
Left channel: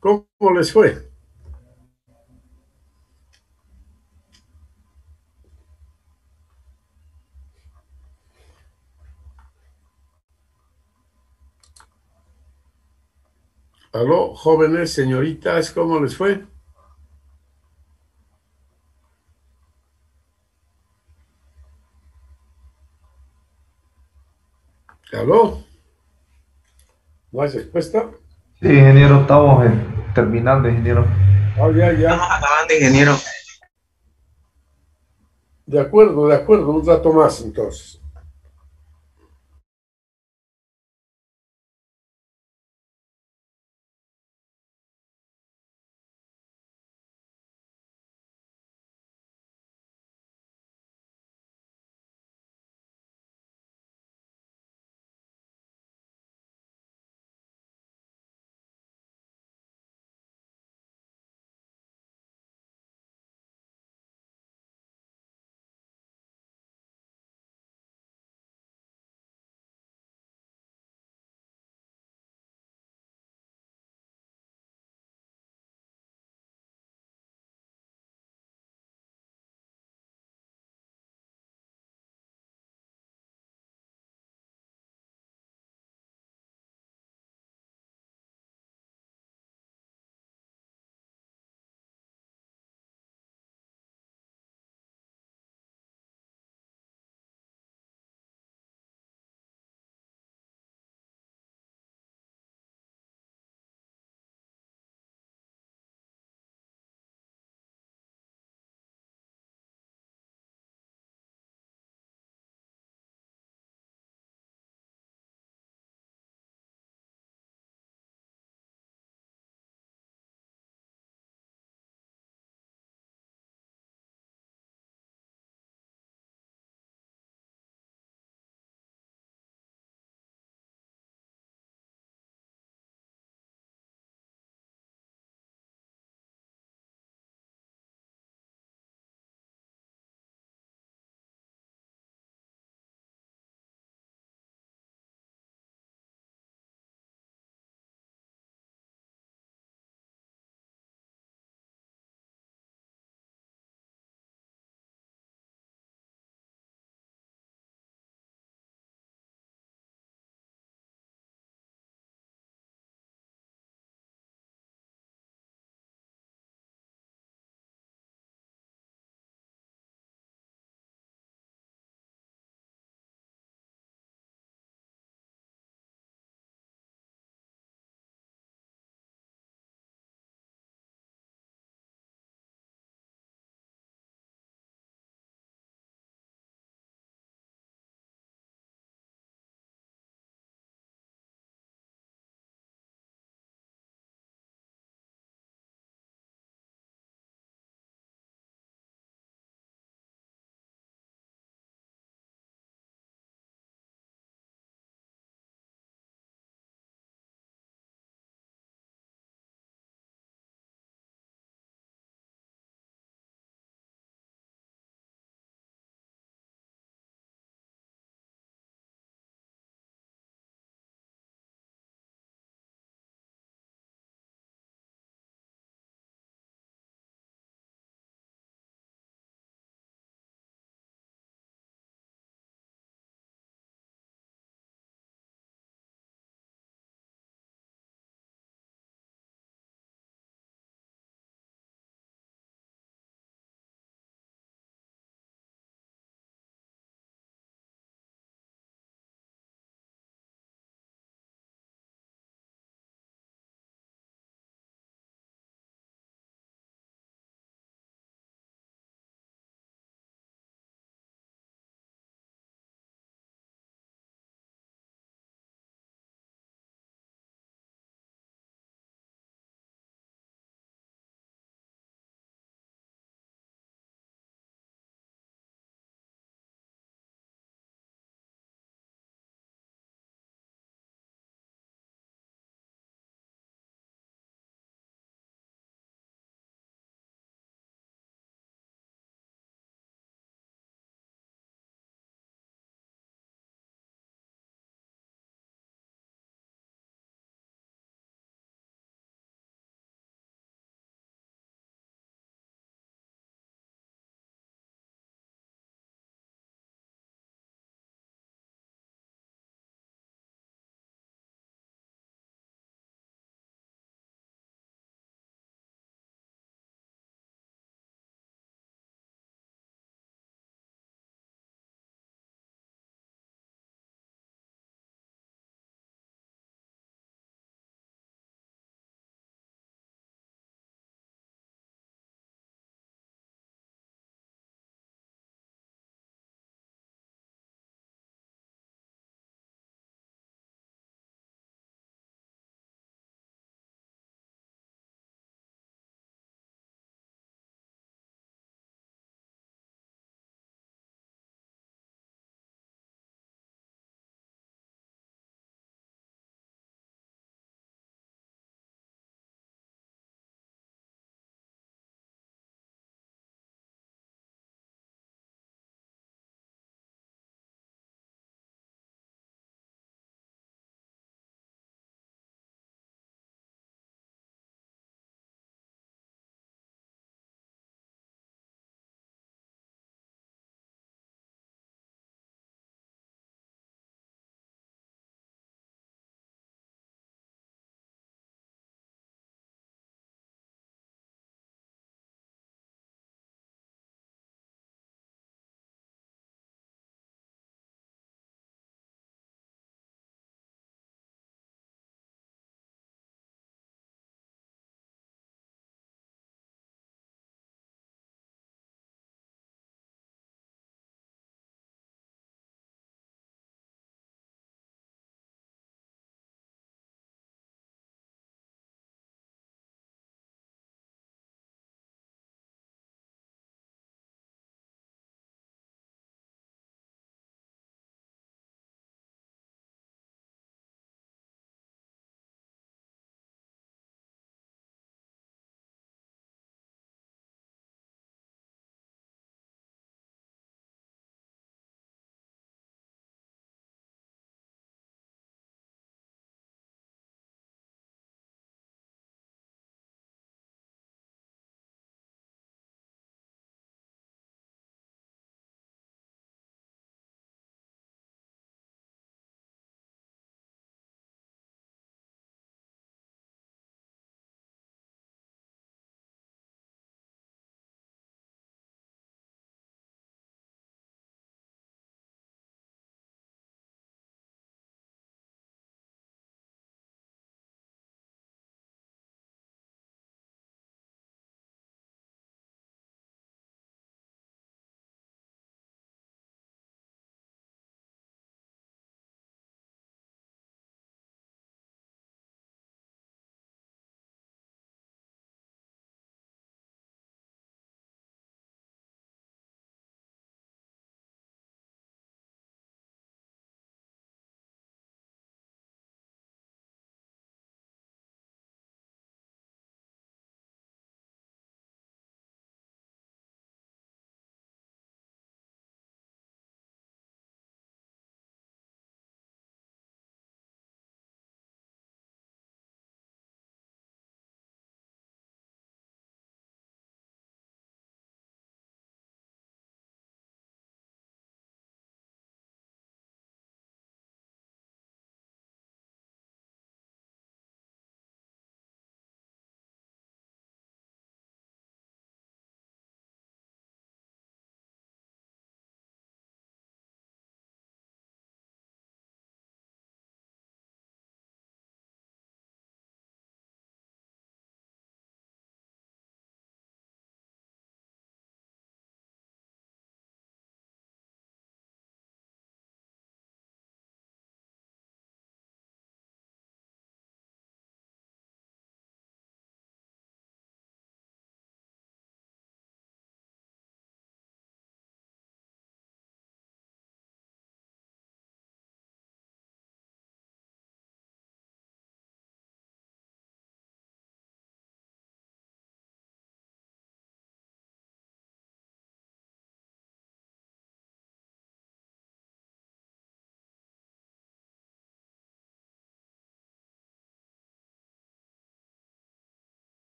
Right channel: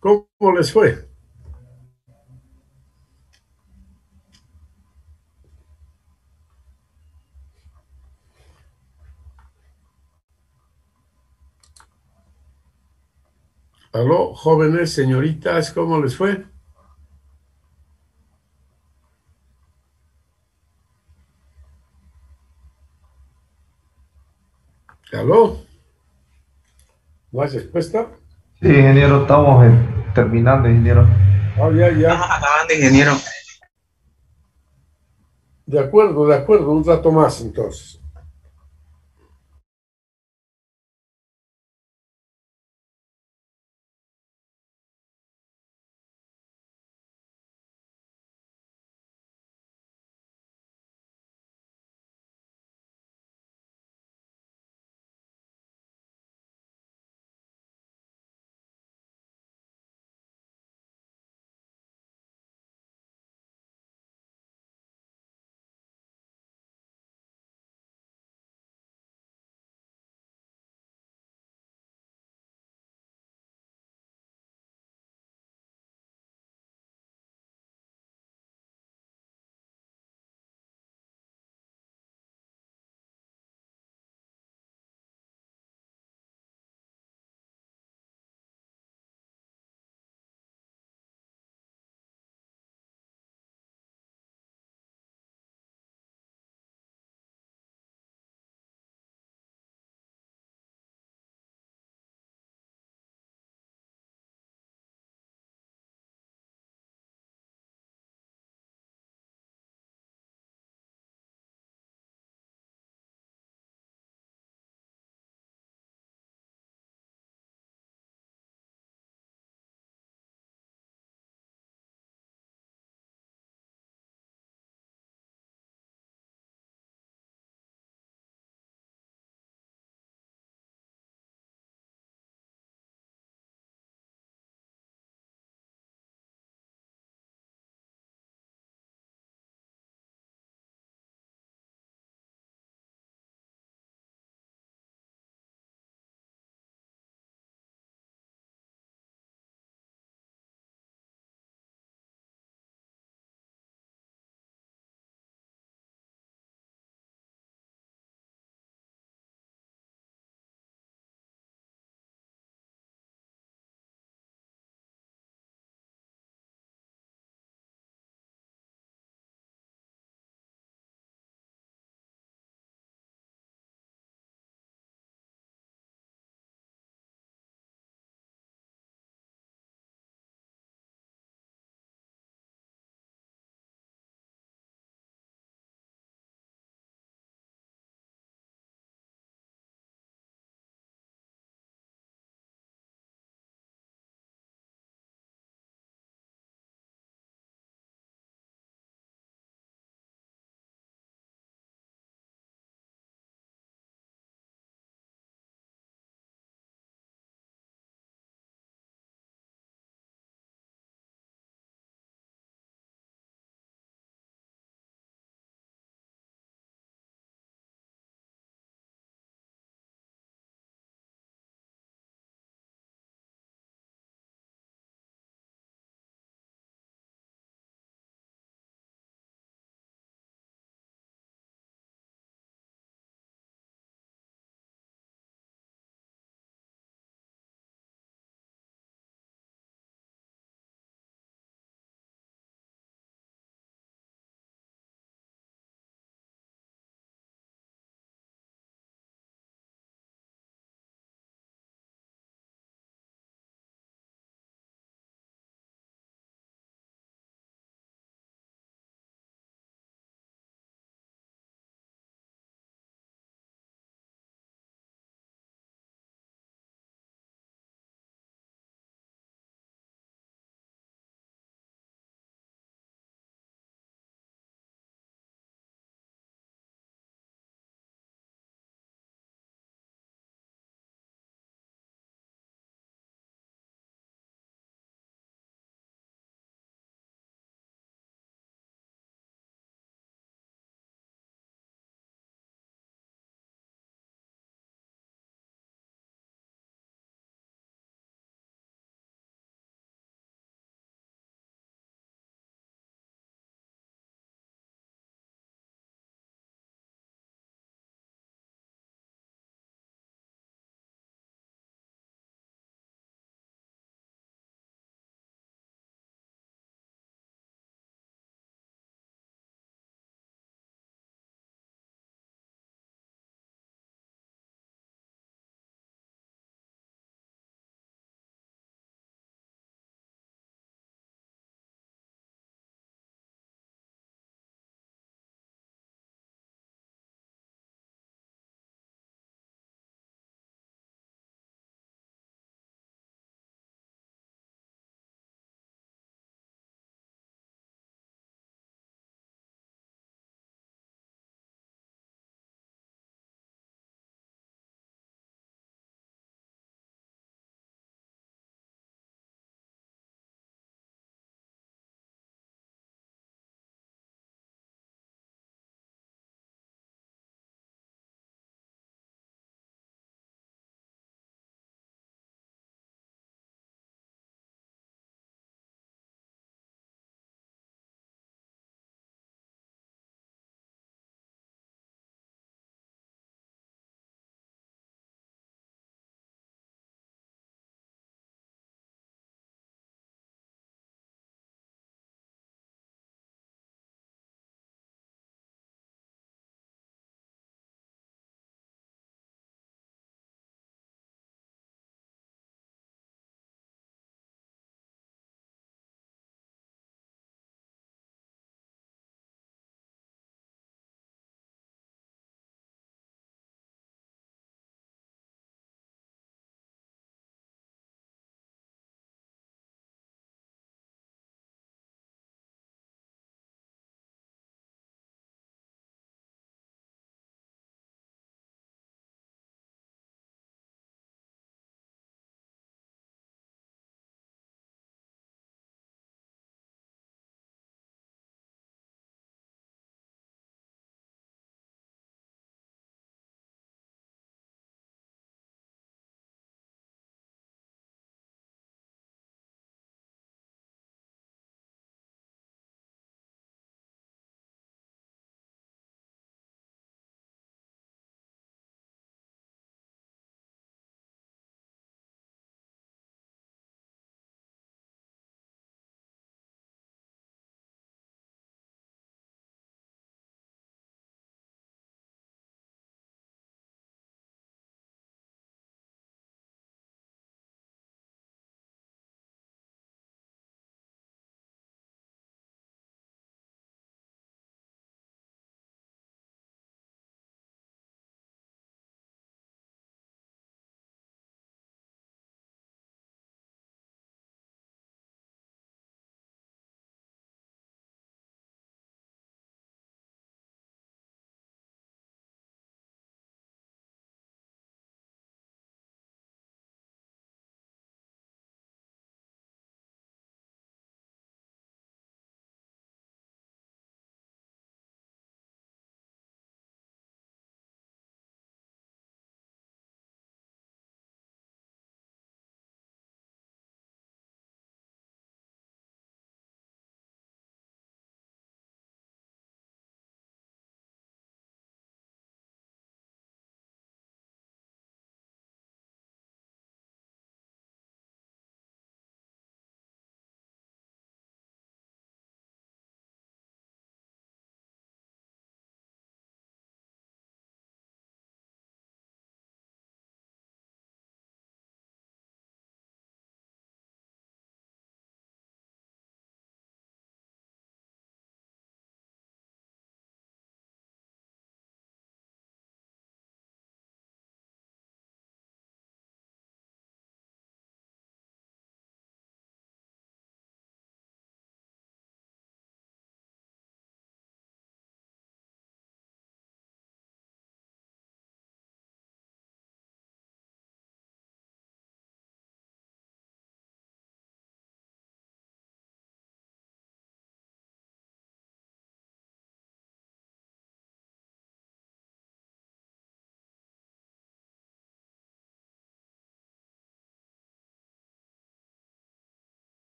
¿cómo les fue? Aló, jóvenes, señoritas, ¿cómo les fue? Aló, ¿no hay respuesta? Sí, ingeniero, estamos terminando, ingeniero. Ah, ya, Estamos ya. acabando, ingeniero. De acuerdo, un rato más entonces.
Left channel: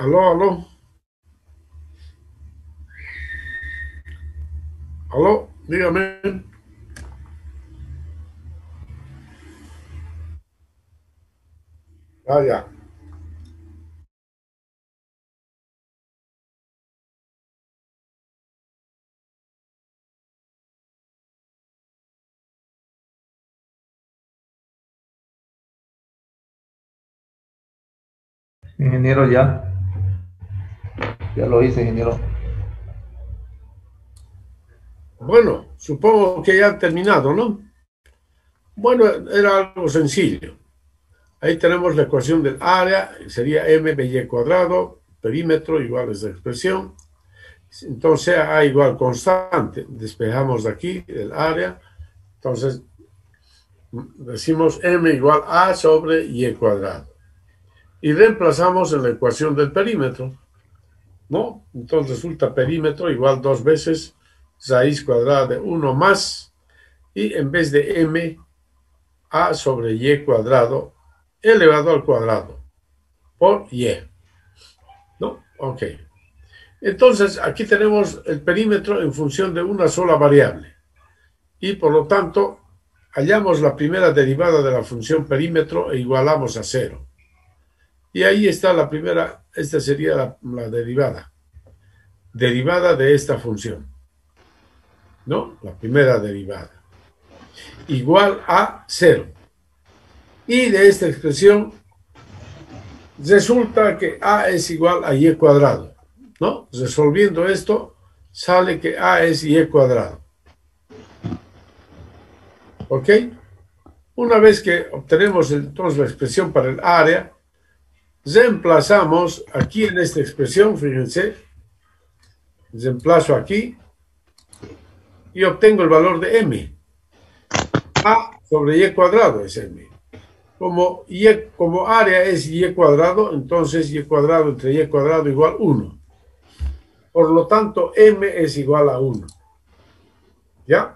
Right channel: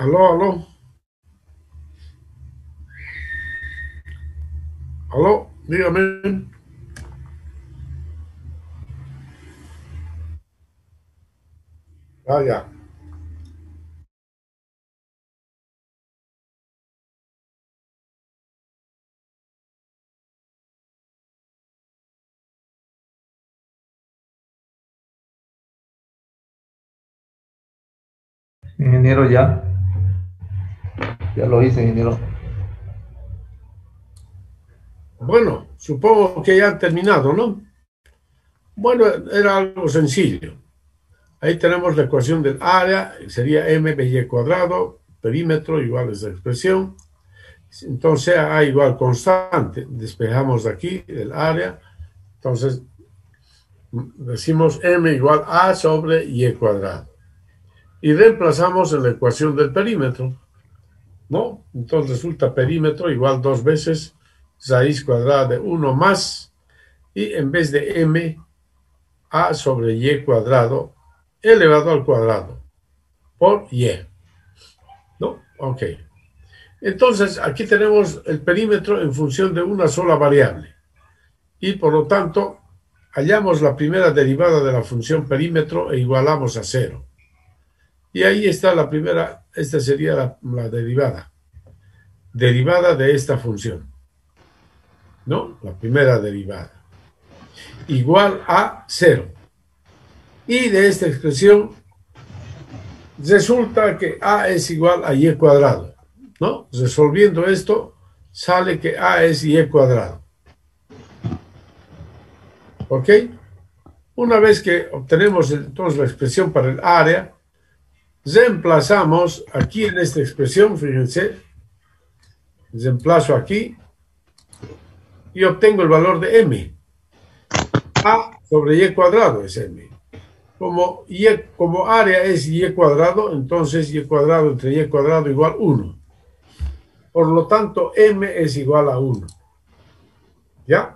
Aló, aló, aló, dígame. Ah, ya. Ingeniero, ya lo hice, ingeniero. Bueno, supongo que ya han terminado, ¿no? Bueno, era algo sencillo. Ahí tenemos la ecuación del área, sería m de y cuadrado, perímetro igual a esa expresión. Entonces A igual constante. Despejamos de aquí el área. Entonces decimos m igual a sobre y cuadrado. Y reemplazamos en la ecuación del perímetro, ¿no? Entonces resulta perímetro igual 2 veces raíz cuadrada de 1 más, y en vez de m, a sobre y cuadrado elevado al cuadrado por y, ¿no? Ok. Entonces aquí tenemos el perímetro en función de una sola variable y por lo tanto hallamos la primera derivada de la función perímetro e igualamos a cero. Y ahí está la primera, esta sería la derivada de esta función, ¿no? La primera derivada, igual a cero. Y de esta expresión resulta que a es igual a y cuadrado, ¿no? Resolviendo esto, sale que a es y cuadrado. ¿Ok? Una vez que obtenemos entonces la expresión para el área, reemplazamos aquí en esta expresión, fíjense, reemplazo aquí y obtengo el valor de m. A sobre y cuadrado es m. Como área es y cuadrado, entonces y cuadrado entre y cuadrado igual 1. Por lo tanto, m es igual a 1. ¿Ya?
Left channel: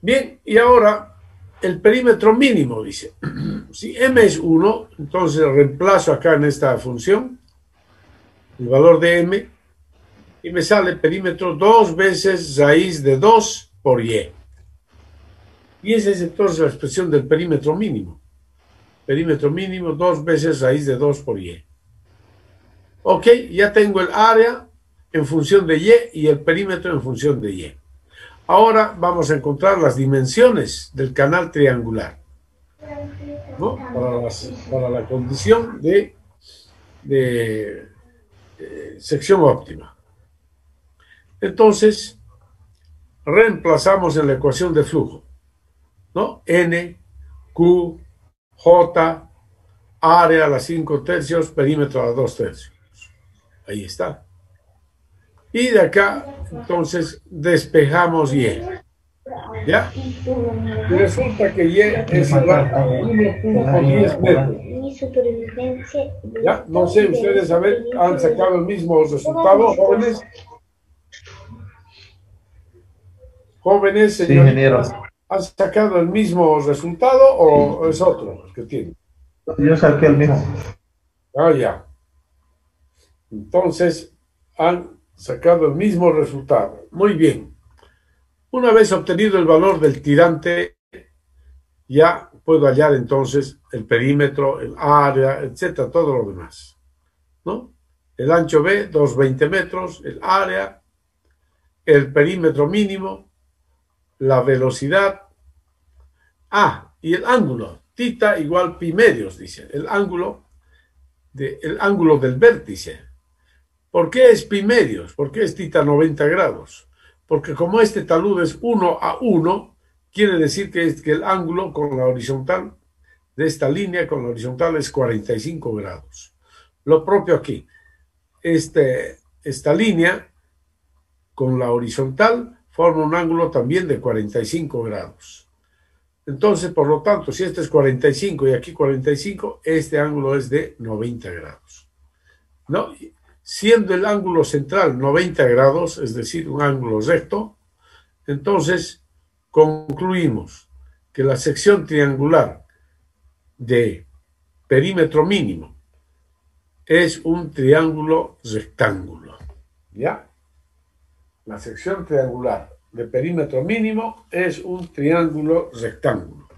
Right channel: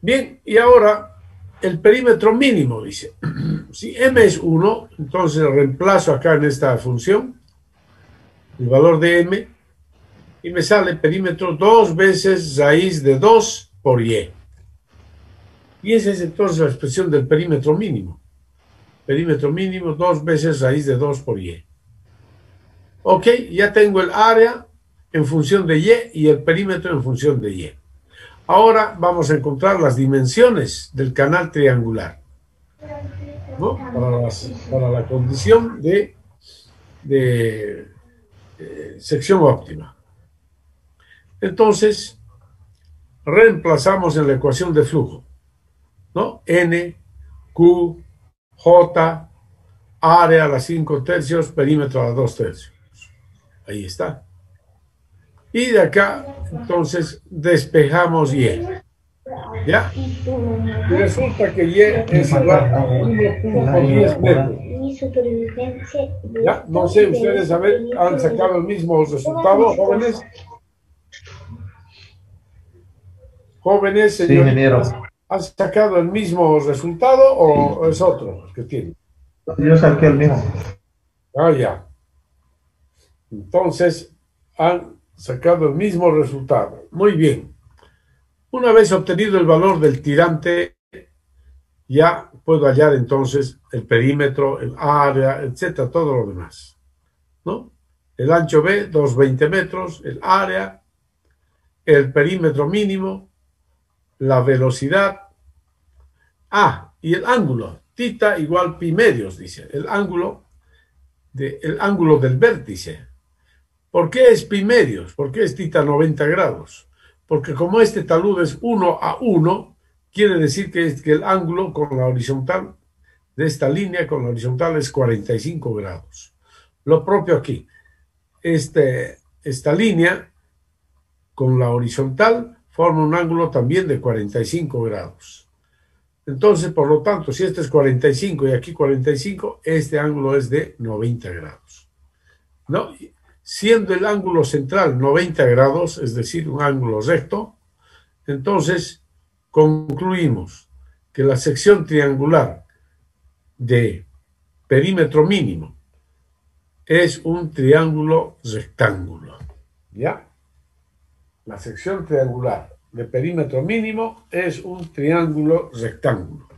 Bien, y ahora el perímetro mínimo, dice. Si m es 1, entonces reemplazo acá en esta función el valor de m y me sale perímetro 2 veces raíz de 2 por y. Y esa es entonces la expresión del perímetro mínimo. Perímetro mínimo 2 veces raíz de 2 por y. Ok, ya tengo el área en función de y el perímetro en función de y. Ahora vamos a encontrar las dimensiones del canal triangular, ¿no? Para la condición de sección óptima. Entonces, reemplazamos en la ecuación de flujo, ¿no? N, Q, J, área a las 5 tercios, perímetro a las 2 tercios. Ahí está. Y de acá, entonces, despejamos Y. ¿Ya? Y resulta que Y es igual a 1.10 metros. ¿Ya? No sé, ustedes han sacado el mismo resultado, jóvenes. Jóvenes, Sí, ingeniero. señoritas, ¿han sacado el mismo resultado o es otro que tiene? Yo saqué el mismo. Ah, ya. Entonces, han sacado el mismo resultado. Muy bien. Una vez obtenido el valor del tirante, ya puedo hallar entonces el perímetro, el área, etcétera, todo lo demás, ¿no? El ancho B, 220 metros, el área, el perímetro mínimo, la velocidad, y el ángulo, tita igual pi medios, dice, el ángulo del vértice. ¿Por qué es pi medios? ¿Por qué es tita 90 grados? Porque como este talud es 1 a 1, quiere decir que el ángulo con la horizontal de esta línea con la horizontal es 45 grados. Lo propio aquí. Esta línea con la horizontal forma un ángulo también de 45 grados. Entonces, por lo tanto, si este es 45 y aquí 45, este ángulo es de 90 grados, ¿no? Siendo el ángulo central 90 grados, es decir, un ángulo recto, entonces concluimos que la sección triangular de perímetro mínimo es un triángulo rectángulo. ¿Ya? La sección triangular de perímetro mínimo es un triángulo rectángulo,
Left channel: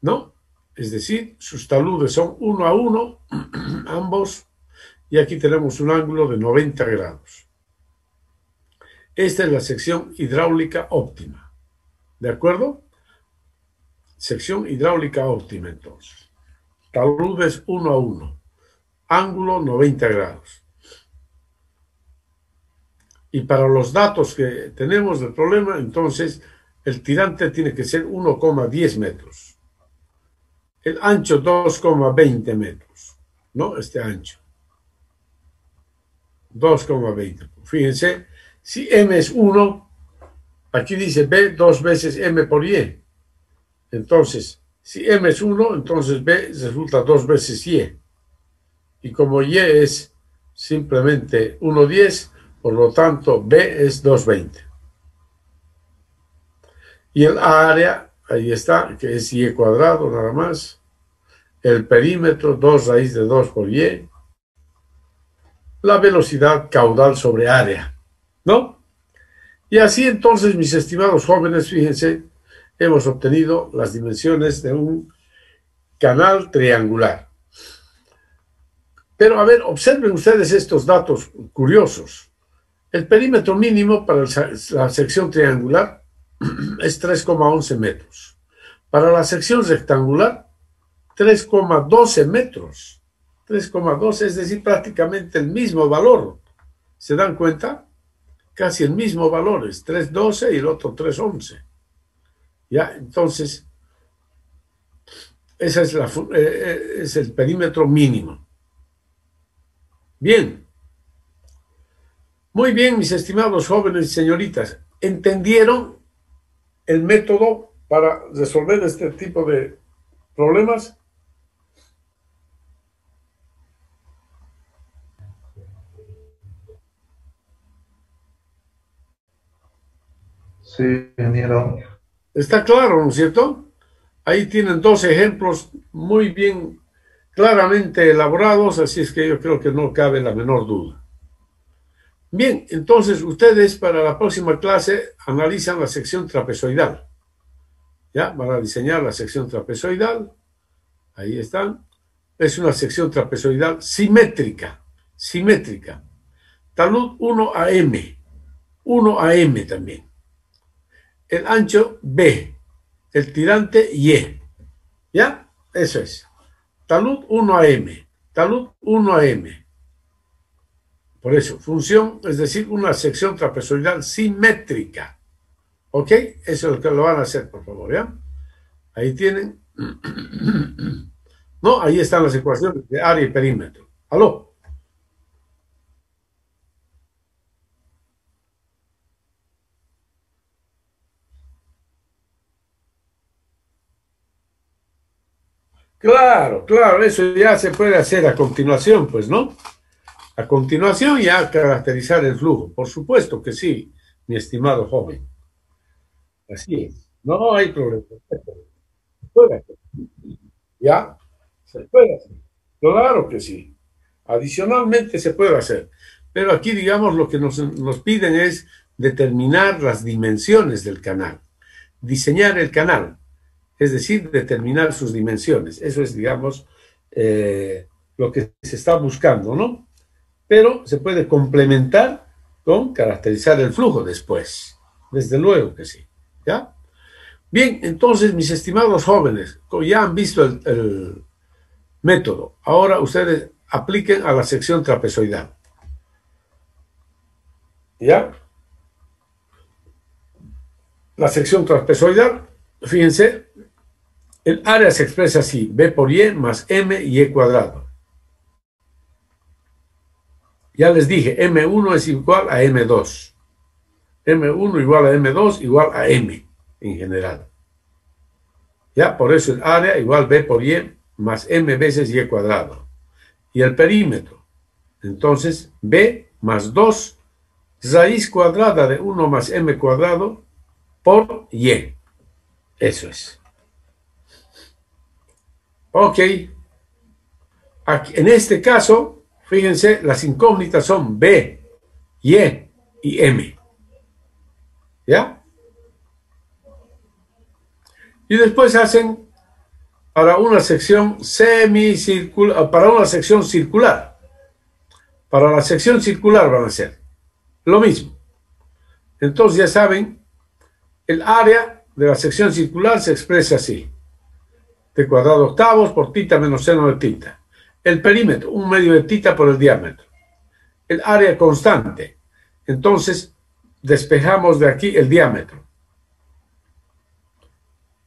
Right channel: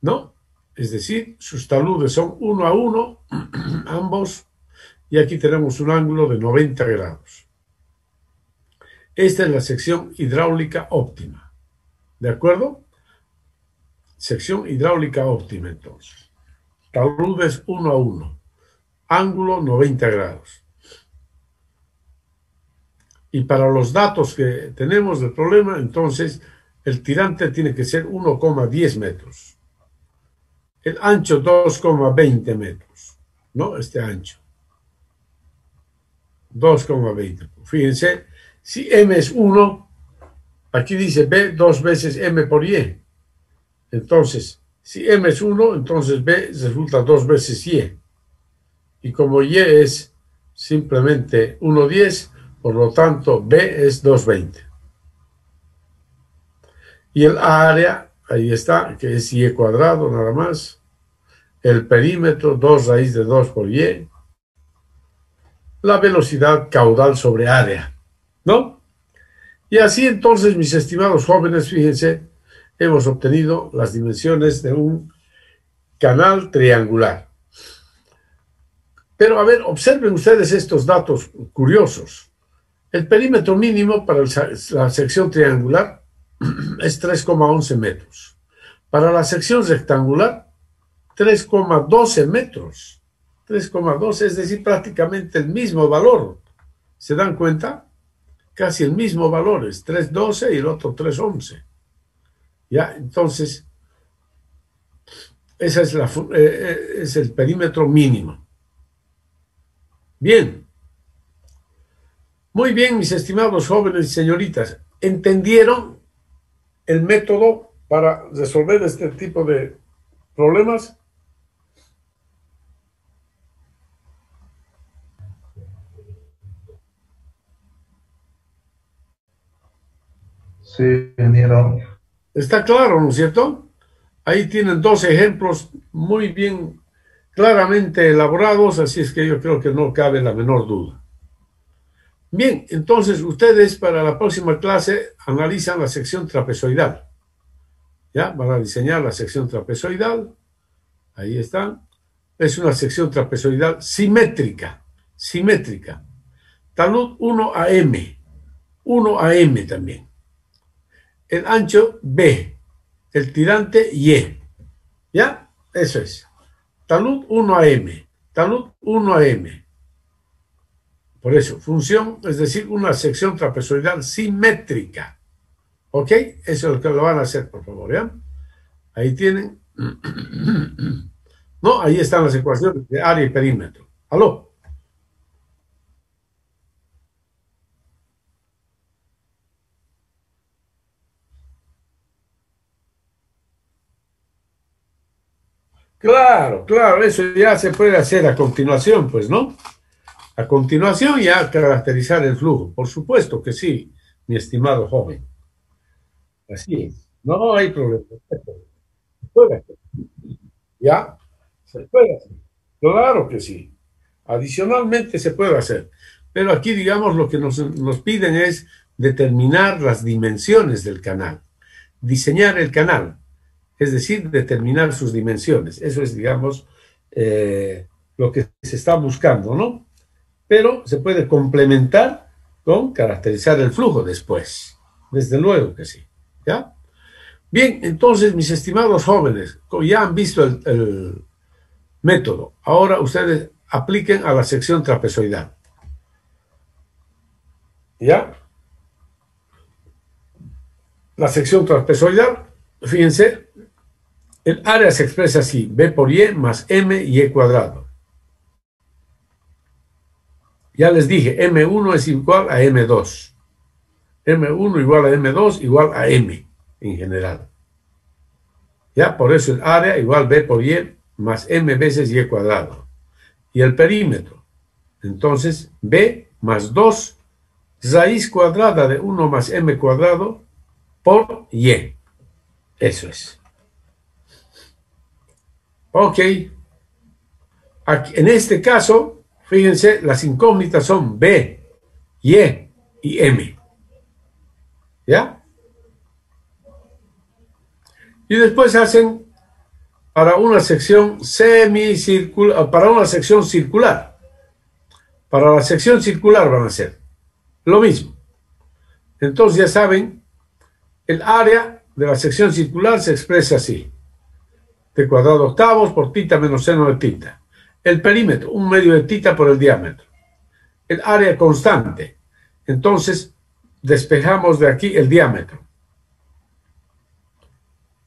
¿no? Es decir, sus taludes son 1 a 1, ambos, y aquí tenemos un ángulo de 90 grados. Esta es la sección hidráulica óptima, ¿de acuerdo? Sección hidráulica óptima, entonces. Taludes 1 a 1, ángulo 90 grados. Y para los datos que tenemos del problema, entonces, el tirante tiene que ser 1,10 metros. El ancho 2,20 metros, ¿no? Este ancho. 2,20. Fíjense, si M es 1, aquí dice B 2 veces M por Y. Entonces, si M es 1, entonces B resulta 2 veces Y. Y como Y es simplemente 1,10, por lo tanto B es 2,20. Y el área, ahí está, que es Y cuadrado nada más. El perímetro, 2 raíz de 2 por Y. La velocidad caudal sobre área, ¿no? Y así entonces, mis estimados jóvenes, fíjense, hemos obtenido las dimensiones de un canal triangular. Pero a ver, observen ustedes estos datos curiosos. El perímetro mínimo para la sección triangular es 3,11 metros. Para la sección rectangular, 3,12 metros. 3,12, es decir, prácticamente el mismo valor. ¿Se dan cuenta? Casi el mismo valor, es 3,12 y el otro 3,11. ¿Ya? Entonces, ese es el perímetro mínimo. Bien. Muy bien, mis estimados jóvenes y señoritas. ¿Entendieron el método para resolver este tipo de problemas? Sí, ingeniero. Está claro, ¿no es cierto? Ahí tienen dos ejemplos muy bien, claramente elaborados, así es que yo creo que no cabe la menor duda. Bien, entonces ustedes para la próxima clase analizan la sección trapezoidal. ¿Ya? Van a diseñar la sección trapezoidal. Ahí están. Es una sección trapezoidal simétrica. Simétrica. Talud 1 a M. 1 a M también. El ancho B. El tirante Y. ¿Ya? Eso es. Talud 1 a M. Talud 1 a M. Por eso, función, es decir, una sección trapezoidal simétrica. ¿Ok? Eso es lo que lo van a hacer, por favor, ¿ya? Ahí tienen. No, ahí están las ecuaciones de área y perímetro. ¿Aló? Claro, claro, eso ya se puede hacer a continuación, pues, ¿no? A continuación ya caracterizar el flujo. Por supuesto que sí, mi estimado joven. Así es. No hay problema. Se puede hacer. ¿Ya? Se puede hacer. Claro que sí. Adicionalmente se puede hacer. Pero aquí, digamos, lo que nos piden es determinar las dimensiones del canal, diseñar el canal, es decir, determinar sus dimensiones. Eso es, digamos, lo que se está buscando, ¿no? Pero se puede complementar con caracterizar el flujo después. Desde luego que sí. ¿Ya? Bien, entonces, mis estimados jóvenes, ya han visto el método. Ahora ustedes apliquen a la sección trapezoidal. ¿Ya? La sección trapezoidal, fíjense, el área se expresa así, B por Y más M y E cuadrado. Ya les dije, M1 es igual a M2. M1 igual a M2 igual a M en general. Ya, por eso el área igual B por Y más M veces Y cuadrado. Y el perímetro, entonces B más 2 raíz cuadrada de 1 más M cuadrado por Y. Eso es. Ok. Aquí, en este caso, fíjense, las incógnitas son B, Y y M. ¿Ya? Y después hacen para una sección semicircular, para una sección circular. Para la sección circular van a hacer lo mismo. Entonces ya saben, el área de la sección circular se expresa así. T cuadrado octavos por tita menos seno de tita. El perímetro, 1/2 de tita por el diámetro. El área constante. Entonces, despejamos de aquí el diámetro.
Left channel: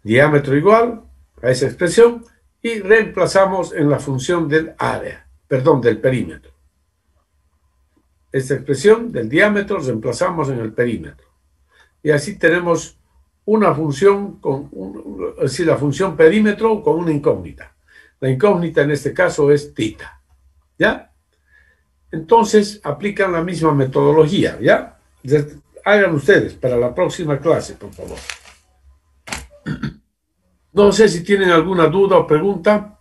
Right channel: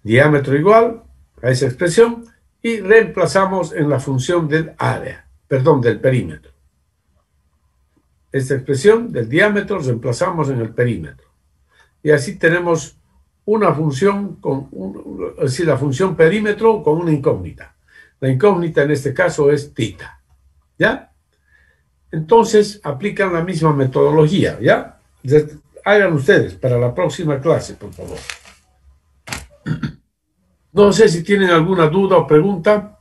Diámetro igual a esa expresión y reemplazamos en la función del área, perdón, del perímetro. Esta expresión del diámetro reemplazamos en el perímetro. Y así tenemos una función, es decir, la función perímetro con una incógnita. La incógnita en este caso es tita. ¿Ya? Entonces aplican la misma metodología. ¿Ya? Hagan ustedes para la próxima clase, por favor. No sé si tienen alguna duda o pregunta.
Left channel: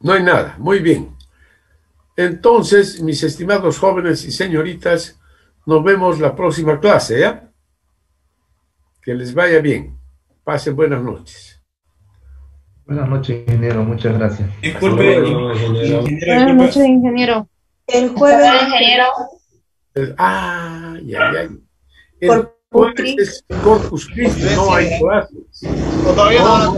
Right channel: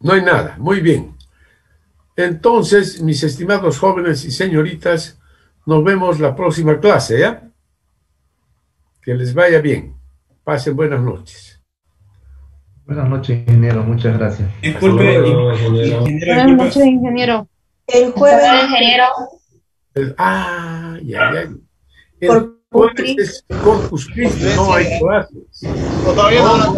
No hay nada. Muy bien. Entonces, mis estimados jóvenes y señoritas, nos vemos la próxima clase, ¿ya? Que les vaya bien. Pasen buenas noches. Buenas noches, ingeniero. Muchas gracias. Disculpe, ingeniero, Buenas noches, ingeniero. El jueves, ingeniero. Ya. El Corpus jueves Christi. es Corpus Christi, no hay clases. todavía no.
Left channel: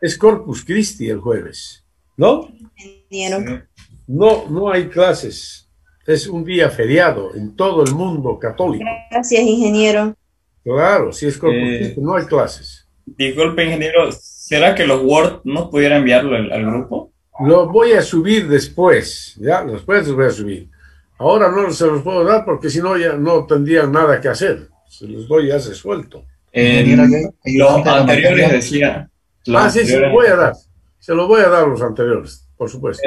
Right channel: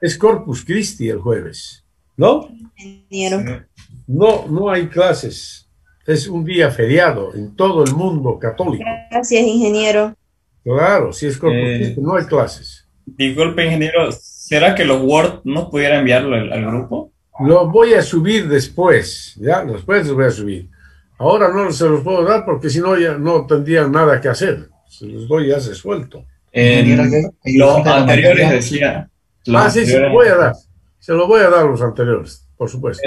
Es Corpus Christi el jueves, ¿no? Ingeniero. No hay clases. Es un día feriado en todo el mundo católico. Gracias, ingeniero. Claro, si es Corpus Christi, no hay clases. Disculpe, ingeniero, ¿será que los Word no pudiera enviarlo al grupo? Lo voy a subir después, ¿ya? Después los voy a subir. Ahora no se los puedo dar porque si no ya no tendrían nada que hacer. Se los doy ya resuelto. Los anteriores decía. Sí, se los voy a dar. Se los voy a dar los anteriores, por supuesto.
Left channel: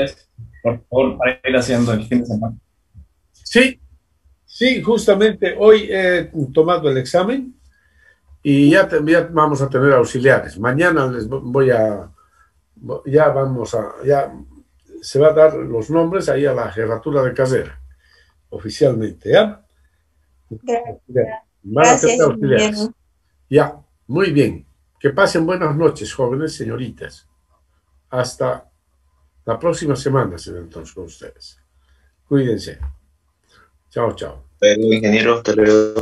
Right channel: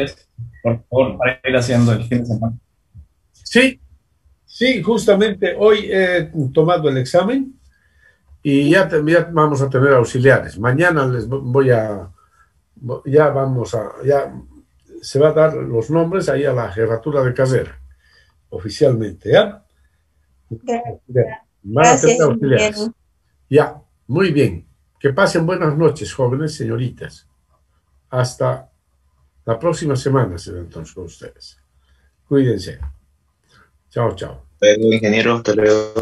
Por favor, para ir haciendo el fin de semana. Sí, justamente hoy he tomado el examen y ya vamos a tener auxiliares. Mañana les voy a, ya se va a dar los nombres ahí a la jefatura de carrera, oficialmente, ¿ya? Van a tener auxiliares. Ingeniero. Ya, muy bien. Que pasen buenas noches, jóvenes, señoritas. Hasta la próxima semana, será entonces con ustedes. Cuídense. Chao. Luego, ingeniero, hasta luego.